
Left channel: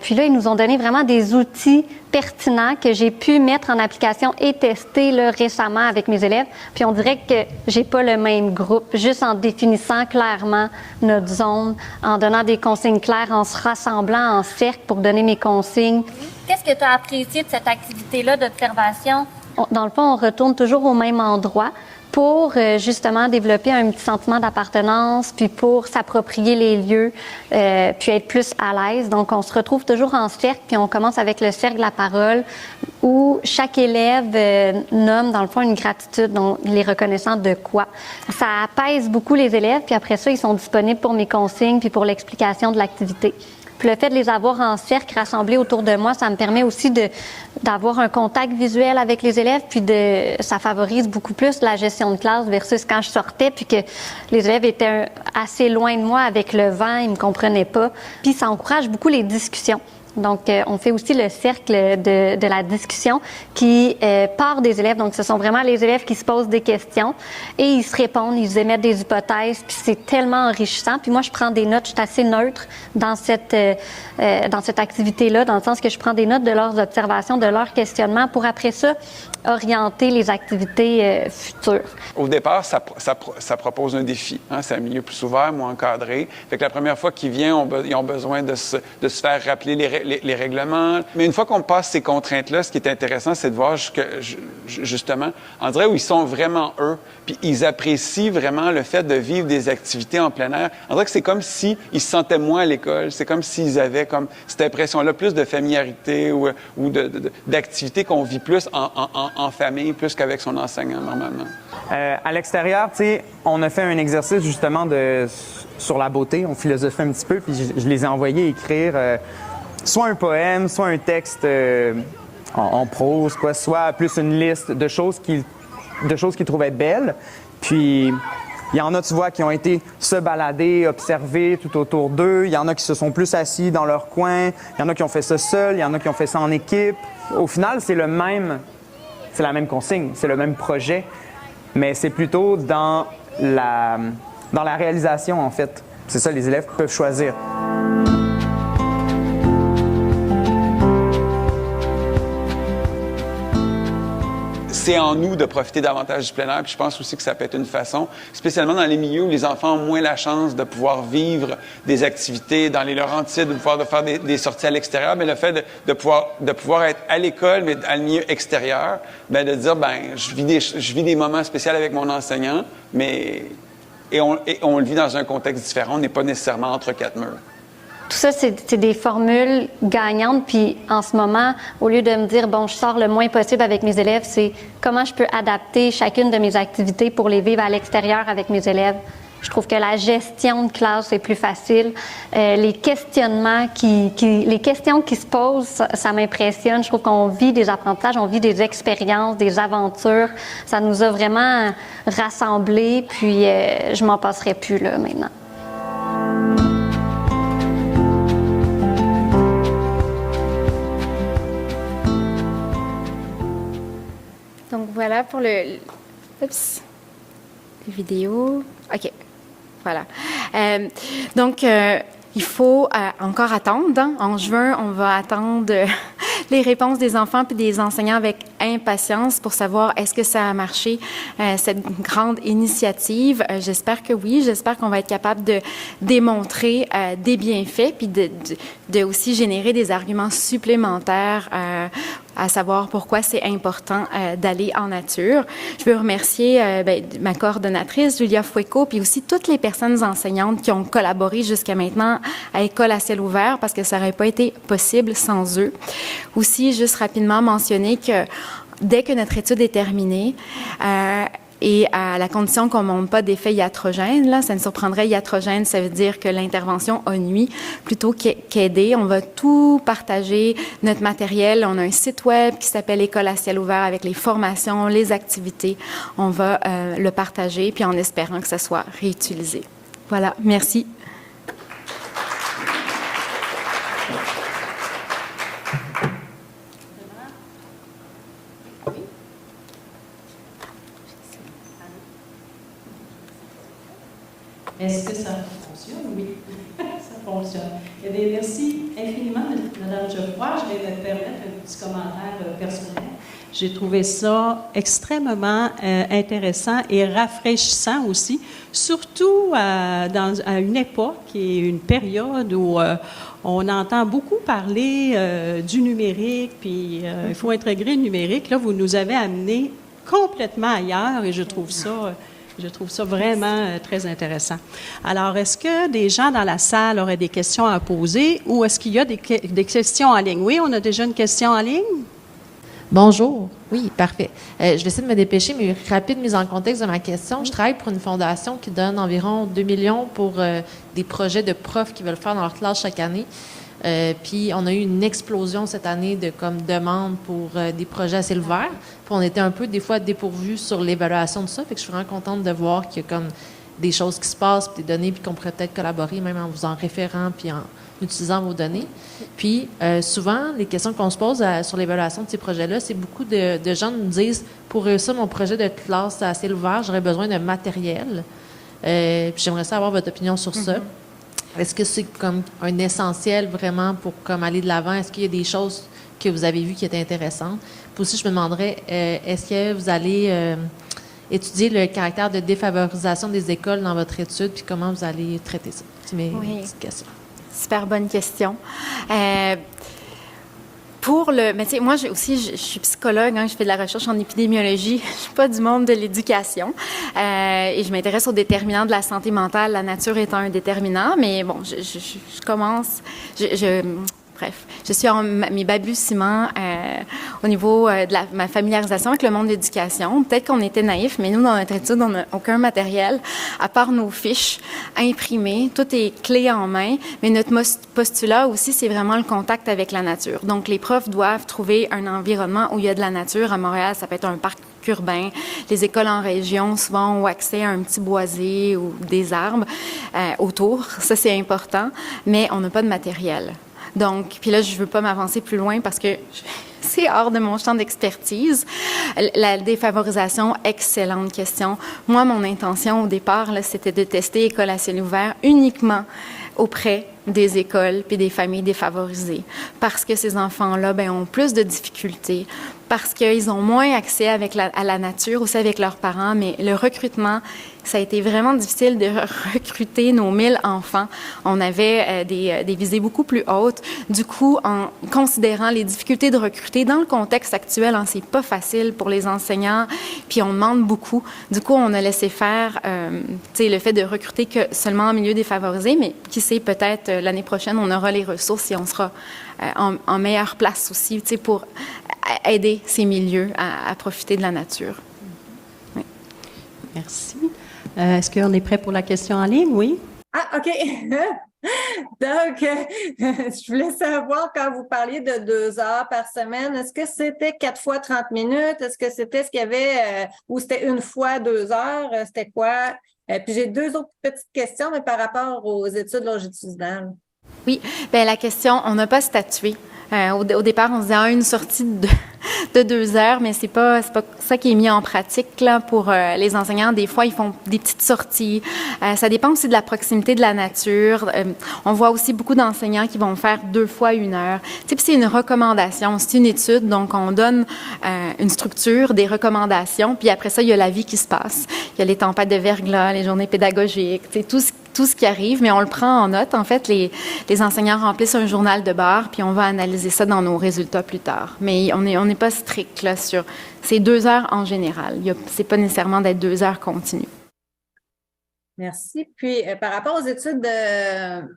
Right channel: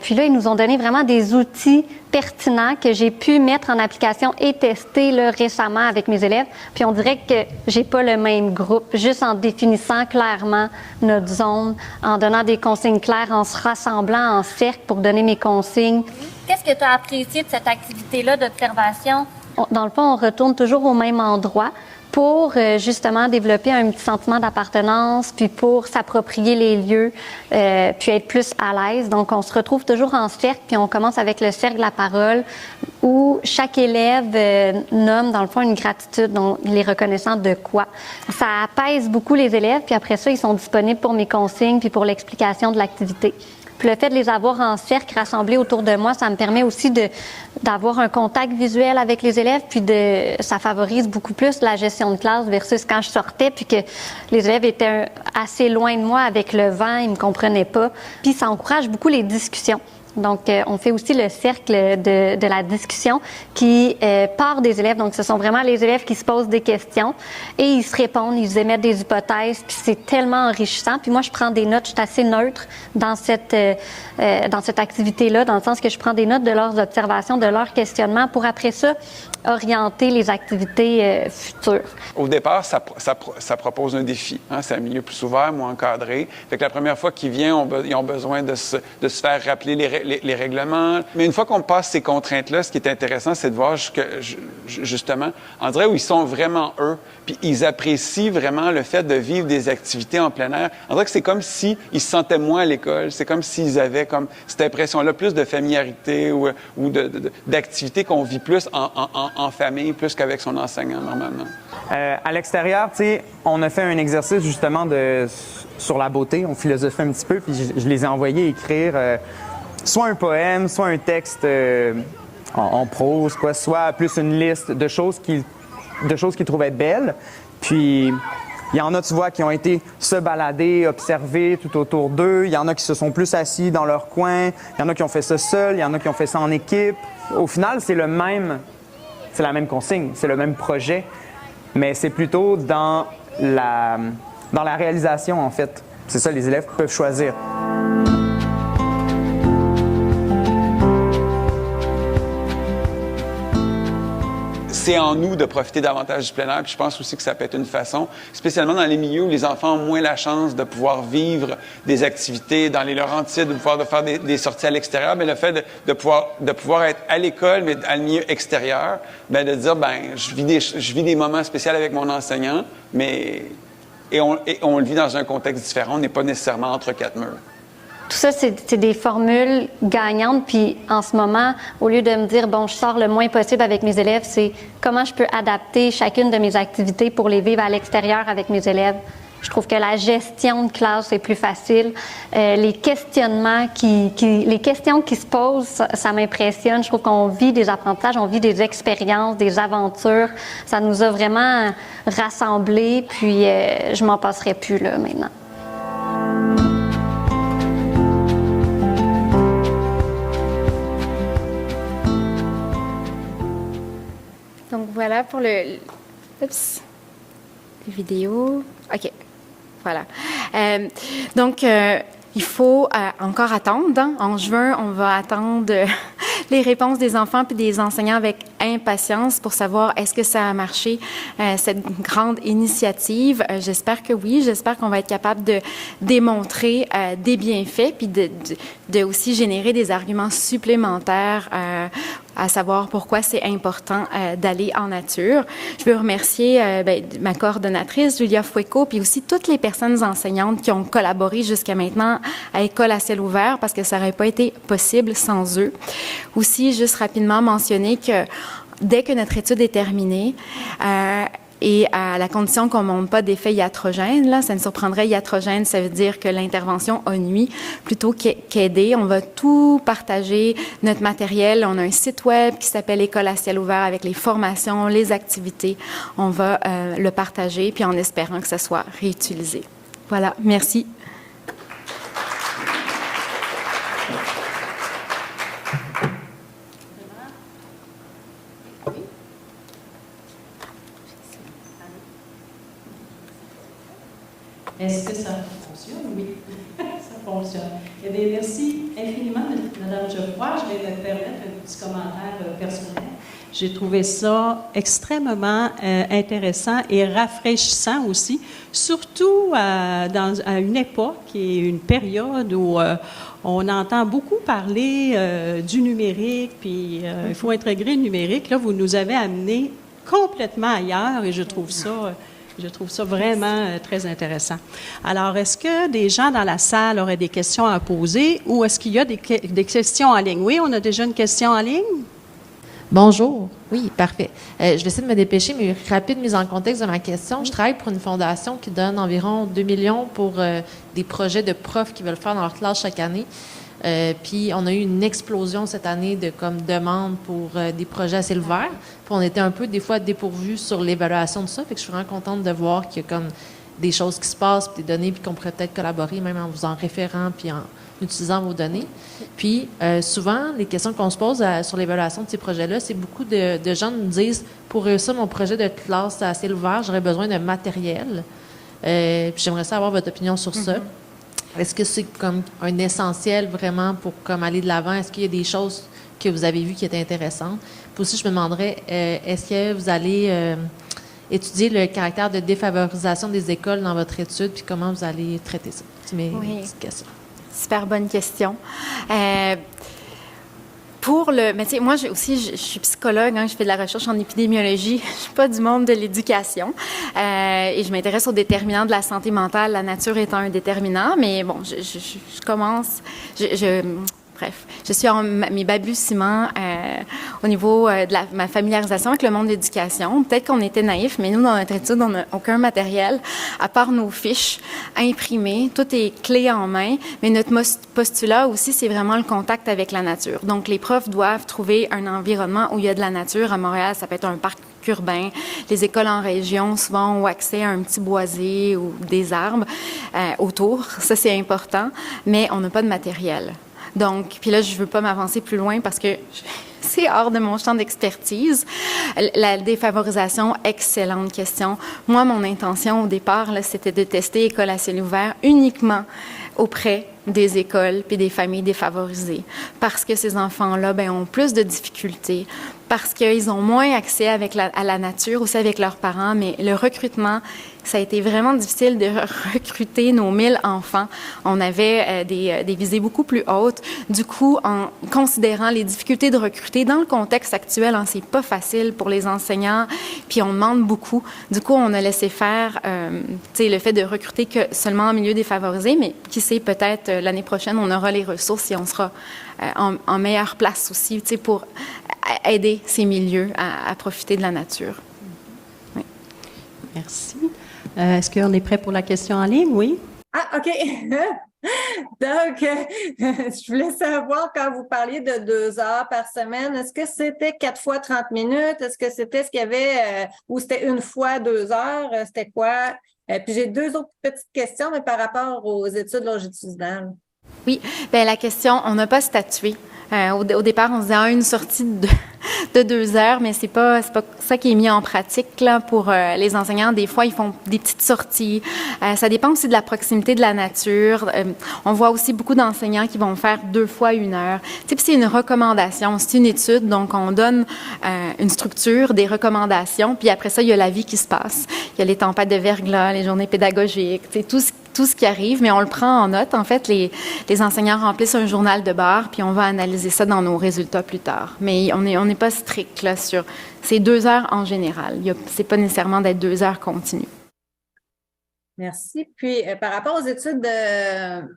Puis là, ils nous ont donné vraiment des outils pertinents que j'ai pu mettre en application et tester là, récemment avec mes élèves. Puis on dirait que j'ai pas le même groupe, juste en définissant clairement notre zone, en donnant des consignes claires, en se rassemblant en cercle pour donner mes consignes. Qu'est-ce que tu as apprécié de cette activité-là d'observation? Dans le fond, on retourne toujours au même endroit pour justement développer un petit sentiment d'appartenance, puis pour s'approprier les lieux, puis être plus à l'aise. Donc, on se retrouve toujours en cercle, puis on commence avec le cercle de la parole, où chaque élève nomme, dans le fond, une gratitude, donc il est reconnaissant de quoi. Ça apaise beaucoup les élèves, puis après ça, ils sont disponibles pour mes consignes, puis pour l'explication de l'activité. Puis le fait de les avoir en cercle, rassemblés autour de moi, ça me permet aussi d'avoir un contact visuel avec les élèves, puis ça favorise beaucoup plus la gestion de classe versus quand je sortais, puis que les élèves étaient assez loin de moi avec le vent, ils me comprenaient pas. Puis ça encourage beaucoup les discussions. Donc, on fait aussi le cercle de la discussion qui part des élèves. Donc, ce sont vraiment les élèves qui se posent des questions et ils se répondent, ils émettent des hypothèses, puis c'est tellement enrichissant. Puis moi, je prends des notes, je suis assez neutre dans cette activité-là, dans le sens que je prends des notes de leurs observations, de leurs questionnements pour après ça orienter les activités futures. Au départ, ça propose un défi. Hein? C'est un milieu plus ouvert, moins encadré. Fait que la première fois qu'ils viennent, ils ont besoin de se faire rappeler les règlements. Mais une fois qu'on passe ces contraintes-là, ce qui est intéressant, c'est de voir justement, on dirait où ils sont vraiment eux, puis ils apprécient vraiment le fait de vivre des activités en plein air. On dirait que c'est comme s'ils se sentaient moins à l'école. C'est comme s'ils avaient comme cette impression-là, plus de familiarité ou d'activités qu'on vit plus en famille, plus qu'avec son enseignant, normalement. À l'extérieur, tu sais, on a fait un exercice justement sur la beauté. On philosophait un petit peu, puis je les ai envoyés écrire soit un poème, soit un texte en prose, quoi, soit plus une liste de choses qu'ils trouvaient belles. Puis il y en a, tu vois, qui ont été se balader, observer tout autour d'eux. Il y en a qui se sont plus assis dans leur coin. Il y en a qui ont fait ça seuls. Il y en a qui ont fait ça en équipe. Au final, c'est la même consigne, c'est le même projet, mais c'est plutôt dans la réalisation, en fait. C'est ça, les élèves peuvent choisir. C'est en nous de profiter davantage du plein air, puis je pense aussi que ça peut être une façon, spécialement dans les milieux où les enfants ont moins la chance de pouvoir vivre des activités dans les Laurentides, de pouvoir faire des sorties à l'extérieur, mais le fait de pouvoir être à l'école, mais à le milieu extérieur, ben de dire, je vis des moments spéciaux avec mon enseignant, mais on le vit dans un contexte différent, on n'est pas nécessairement entre quatre murs. Tout ça, c'est des formules gagnantes. Puis en ce moment, au lieu de me dire, bon, je sors le moins possible avec mes élèves, c'est comment je peux adapter chacune de mes activités pour les vivre à l'extérieur avec mes élèves. Je trouve que la gestion de classe est plus facile. Les questionnements les questions qui se posent, ça m'impressionne. Je trouve qu'on vit des apprentissages, on vit des expériences, des aventures. Ça nous a vraiment rassemblés. Puis je m'en passerai plus là maintenant. Voilà pour le oups, les vidéos. OK. Voilà. Donc, il faut encore attendre. Hein. En juin, on va attendre les réponses des enfants puis des enseignants avec impatience pour savoir est-ce que ça a marché, cette grande initiative. J'espère que oui. J'espère qu'on va être capable de démontrer des bienfaits puis de aussi générer des arguments supplémentaires à savoir pourquoi c'est important d'aller en nature. Je veux remercier ma coordonnatrice, Julia Fueco, puis aussi toutes les personnes enseignantes qui ont collaboré jusqu'à maintenant à École à ciel ouvert, parce que ça n'aurait pas été possible sans eux. Aussi, juste rapidement mentionner que dès que notre étude est terminée, et à la condition qu'on ne montre pas d'effet iatrogène, là, ça ne surprendrait iatrogène, ça veut dire que l'intervention a nuit plutôt qu'aider. On va tout partager, notre matériel. On a un site web qui s'appelle École à ciel ouvert avec les formations, les activités. On va le partager, puis en espérant que ça soit réutilisé. Voilà, merci. Est-ce que ça fonctionne? Oui, ça fonctionne. Eh bien, merci infiniment, Mme Geoffroy. Je vais me permettre un petit commentaire personnel. J'ai trouvé ça extrêmement intéressant et rafraîchissant aussi, surtout à une époque et une période où on entend beaucoup parler du numérique, puis il faut intégrer le numérique. Là, vous nous avez amené complètement ailleurs et je trouve ça vraiment très intéressant. Alors, est-ce que des gens dans la salle auraient des questions à poser ou est-ce qu'il y a des questions en ligne? Oui, on a déjà une question en ligne. Bonjour. Oui, parfait. Je vais essayer de me dépêcher, mais rapide mise en contexte de ma question. Je travaille pour une fondation qui donne environ 2 millions pour des projets de profs qui veulent faire dans leur classe chaque année. Puis on a eu une explosion cette année de demandes pour des projets à ciel ouvert. Puis on était un peu des fois dépourvus sur l'évaluation de ça. Fait que je suis vraiment contente de voir qu'il y a comme des choses qui se passent, puis des données, puis qu'on pourrait peut-être collaborer même en vous en référant puis en utilisant vos données. Puis souvent, les questions qu'on se pose sur l'évaluation de ces projets-là, c'est beaucoup de gens nous disent pour réussir mon projet de classe à ciel ouvert, j'aurais besoin de matériel. Puis j'aimerais savoir votre opinion sur ça. Est-ce que c'est comme un essentiel vraiment pour aller de l'avant? Est-ce qu'il y a des choses que vous avez vues qui étaient intéressantes? Puis aussi, je me demanderais, est-ce que vous allez étudier le caractère de défavorisation des écoles dans votre étude, puis comment vous allez traiter ça? C'est mes petites questions. Super bonne question. Mais tu sais, moi je suis psychologue, hein, je fais de la recherche en épidémiologie, je suis pas du monde de l'éducation et je m'intéresse aux déterminants de la santé mentale, la nature étant un déterminant, mais bon, je commence, bref, je suis en mes balbutiements au niveau de ma familiarisation avec le monde de l'éducation. Peut-être qu'on était naïfs, mais nous, dans notre étude, on n'a aucun matériel, à part nos fiches imprimées. Tout est clé en main, mais notre postulat aussi, c'est vraiment le contact avec la nature. Donc, les profs doivent trouver un environnement où il y a de la nature. À Montréal, ça peut être un parc urbain. Les écoles en région, souvent, ont accès à un petit boisé ou des arbres autour. Ça, c'est important, mais on n'a pas de matériel. Donc, puis là, je veux pas m'avancer plus loin parce que c'est hors de mon champ d'expertise. La défavorisation, excellente question. Moi, mon intention au départ, là, c'était de tester École à ciel ouvert uniquement auprès des écoles puis des familles défavorisées. Parce que ces enfants-là, ont plus de difficultés, parce qu'ils ont moins accès à la nature, aussi avec leurs parents, mais le recrutement, ça a été vraiment difficile de recruter nos 1000 enfants. On avait des visées beaucoup plus hautes. Du coup, en considérant les difficultés de recruter dans le contexte actuel, c'est pas facile pour les enseignants, puis on demande beaucoup. Du coup, on a laissé faire le fait de recruter que seulement en milieu défavorisé, mais qui sait, peut-être l'année prochaine, on aura les ressources et on sera en meilleure place aussi pour aider ces milieux à profiter de la nature. Oui. Merci. Est-ce qu'on est prêt pour la question en ligne? Oui. Ah, OK. Donc, je voulais savoir, quand vous parliez de 2 heures par semaine, est-ce que c'était 4 fois 30 minutes? Est-ce que c'était ce qu'il y avait, ou c'était 1 fois 2 heures? C'était quoi? Puis j'ai 2 autres petites questions, mais par rapport aux études longitudinales. Oui, la question, on n'a pas statué Au départ, on se disait une sortie de 2 heures, mais c'est pas ça qui est mis en pratique là pour les enseignants. Des fois, ils font des petites sorties. Ça dépend aussi de la proximité de la nature. On voit aussi beaucoup d'enseignants qui vont faire 2 fois 1 heure. Tu sais, puis c'est une recommandation, c'est une étude, donc on donne une structure, des recommandations, puis après ça, il y a la vie qui se passe. Il y a les tempêtes de verglas, les journées pédagogiques, tu sais, tout ce qui arrive, mais on le prend en note. En fait, les enseignants remplissent un journal de bord, puis on va analyser ça dans nos résultats plus tard. Mais on n'est pas strict là sur ces 2 heures en général. C'est pas nécessairement d'être 2 heures continues. Merci. Puis, par rapport aux études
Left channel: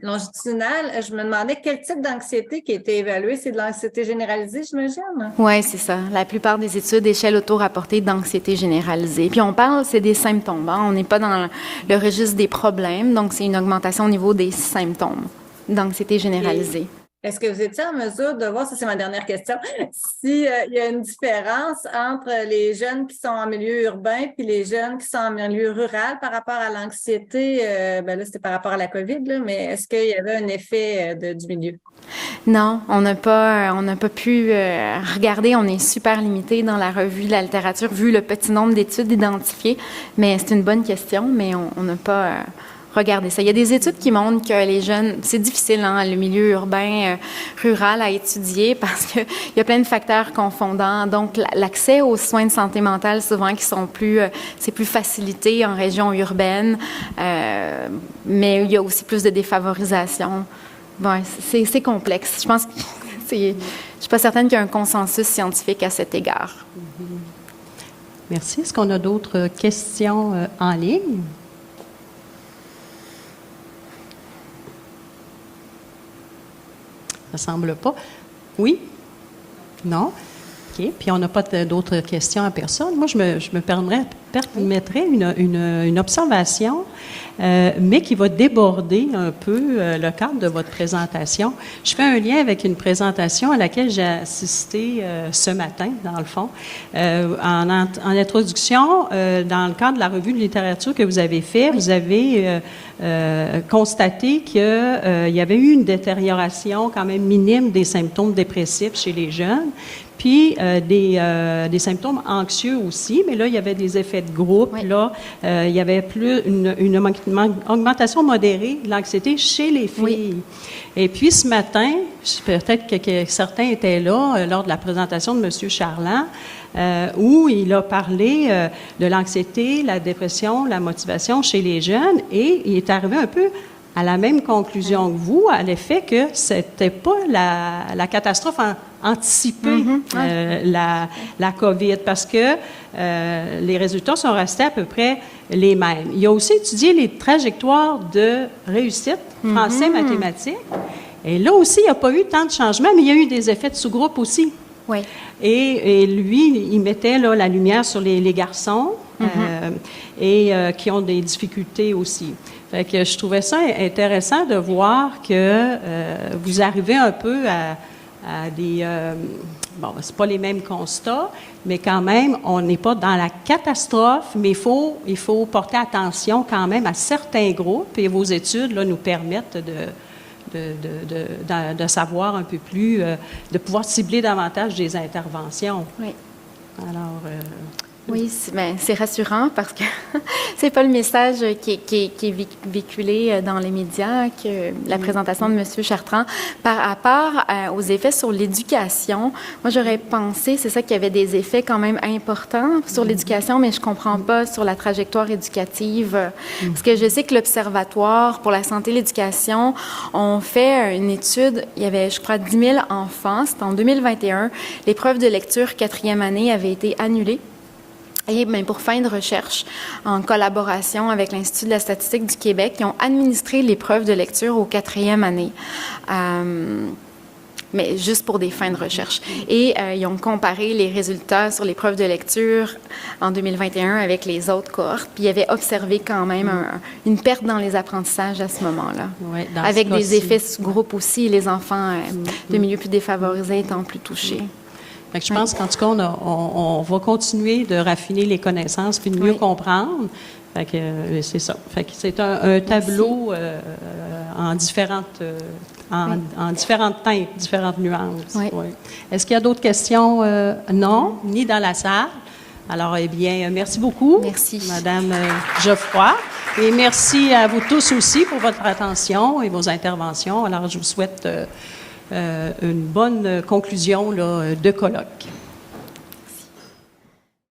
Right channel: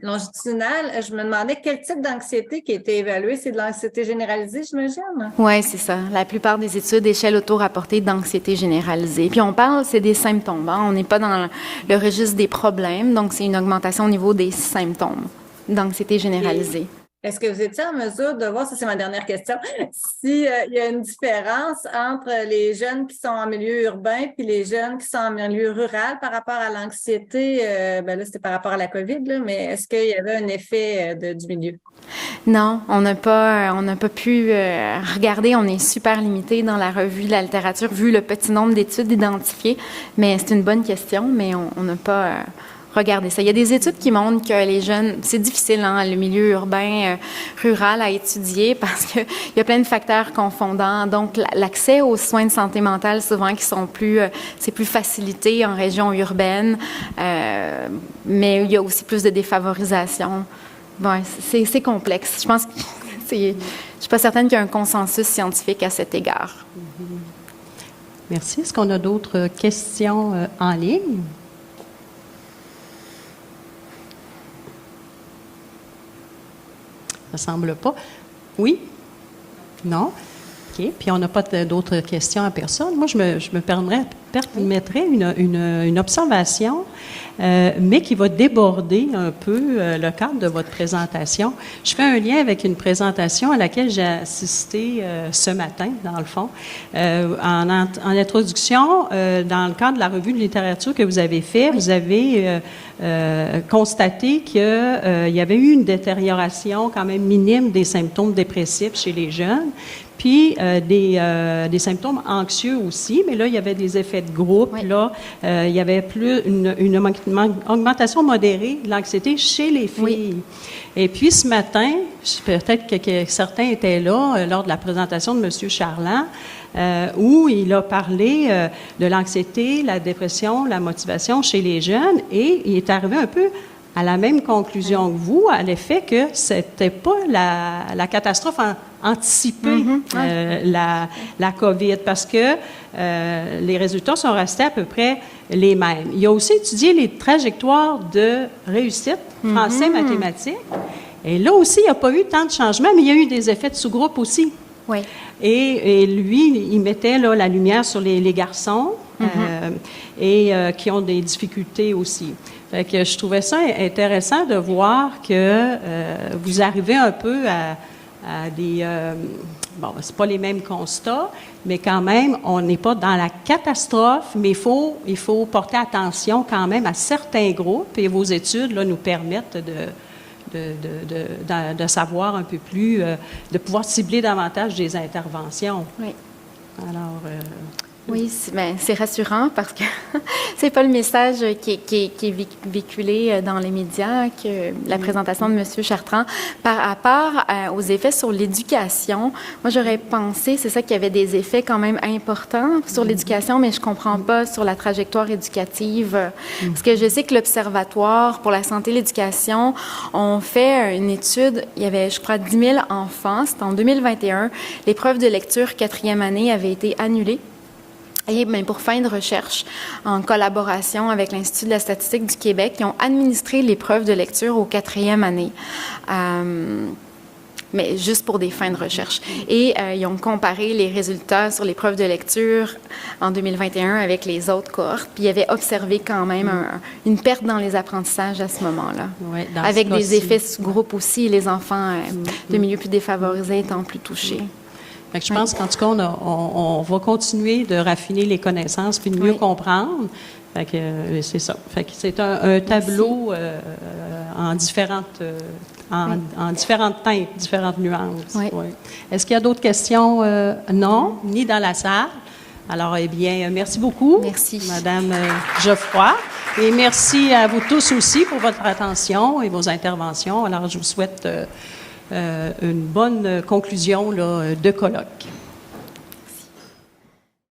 longitudinales, je me demandais quel type d'anxiété qui a été évalué. C'est de l'anxiété généralisée, j'imagine? Oui, c'est ça. La plupart des études échelle auto-rapportée d'anxiété généralisée. Puis on parle, c'est des symptômes. Hein? On n'est pas dans le registre des problèmes, donc c'est une augmentation au niveau des symptômes d'anxiété généralisée. Est-ce que vous étiez en mesure de voir, ça c'est ma dernière question, s'il y a une différence entre les jeunes qui sont en milieu urbain puis les jeunes qui sont en milieu rural par rapport à l'anxiété? Là, c'était par rapport à la COVID, là, mais est-ce qu'il y avait un effet du milieu? Non, on n'a pas pu regarder. On est super limité dans la revue de la littérature vu le petit nombre d'études identifiées. Mais c'est une bonne question, mais on n'a pas regardé ça. Il y a des études qui montrent que les jeunes, c'est difficile, hein, le milieu urbain, rural à étudier parce que il y a plein de facteurs confondants. Donc, l'accès aux soins de santé mentale, souvent, qui sont c'est plus facilité en région urbaine, mais il y a aussi plus de défavorisation. Bon, c'est complexe. Je pense que je suis pas certaine qu'il y a un consensus scientifique à cet égard. Merci. Est-ce qu'on a d'autres questions en ligne? Ça semble pas. Oui? Non? OK. Puis on n'a pas d'autres questions à personne. Moi, je me permettrais une observation, mais qui va déborder un peu le cadre de votre présentation. Je fais un lien avec une présentation à laquelle j'ai assisté ce matin, dans le fond, en introduction, dans le cadre de la revue de littérature que vous avez fait, vous avez constaté qu'il y avait eu une détérioration quand même minime des symptômes dépressifs chez les jeunes, puis des symptômes anxieux aussi, mais là, il y avait des effets de groupe. Oui. Là, il y avait plus une augmentation modérée de l'anxiété chez les filles. Oui. Et puis, ce matin, peut-être que certains étaient là lors de la présentation de M. Charland, où il a parlé de l'anxiété, la dépression, la motivation chez les jeunes, et il est arrivé un peu à la même conclusion que vous, à l'effet que c'était pas la catastrophe anticipée, la COVID, parce que les résultats sont restés à peu près les mêmes. Il a aussi étudié les trajectoires de réussite, français, mathématiques, et là aussi, il n'y a pas eu tant de changements, mais il y a eu des effets de sous-groupe aussi. Oui. Et lui, il mettait là, la lumière sur les garçons qui ont des difficultés aussi. Fait que je trouvais ça intéressant de voir que vous arrivez un peu à des... c'est pas les mêmes constats, mais quand même, on n'est pas dans la catastrophe, mais il faut porter attention quand même à certains groupes, et vos études là, nous permettent de savoir un peu plus, de pouvoir cibler davantage des interventions. Oui. Alors... Oui, c'est rassurant parce que c'est pas le message qui est véhiculé dans les médias, que la présentation de M. Chartrand. Par rapport aux effets sur l'éducation, moi j'aurais pensé, c'est ça, qu'il y avait des effets quand même importants sur l'éducation, mais je comprends pas sur la trajectoire éducative. Parce que je sais que l'Observatoire pour la santé et l'éducation ont fait une étude, il y avait, je crois, 10 000 enfants, c'était en 2021. L'épreuve de lecture 4e année avait été annulée. Et bien, pour fin de recherche, en collaboration avec l'Institut de la statistique du Québec, ils ont administré l'épreuve de lecture aux 4e année, mais juste pour des fins de recherche. Et ils ont comparé les résultats sur l'épreuve de lecture en 2021 avec les autres cohortes, puis ils avaient observé quand même une perte dans les apprentissages à ce moment-là, avec des effets sous groupe aussi, les enfants de milieux plus défavorisés étant plus touchés. Fait que je pense qu'en tout cas, on va continuer de raffiner les connaissances puis de mieux comprendre. Fait que c'est ça. Fait que c'est un tableau en différentes teintes, différentes nuances. Oui. Ouais. Est-ce qu'il y a d'autres questions? Non, ni dans la salle. Alors, eh bien, merci beaucoup, Madame Geoffroy. Et merci à vous tous aussi pour votre attention et vos interventions. Alors, je vous souhaite une bonne conclusion là, de colloque.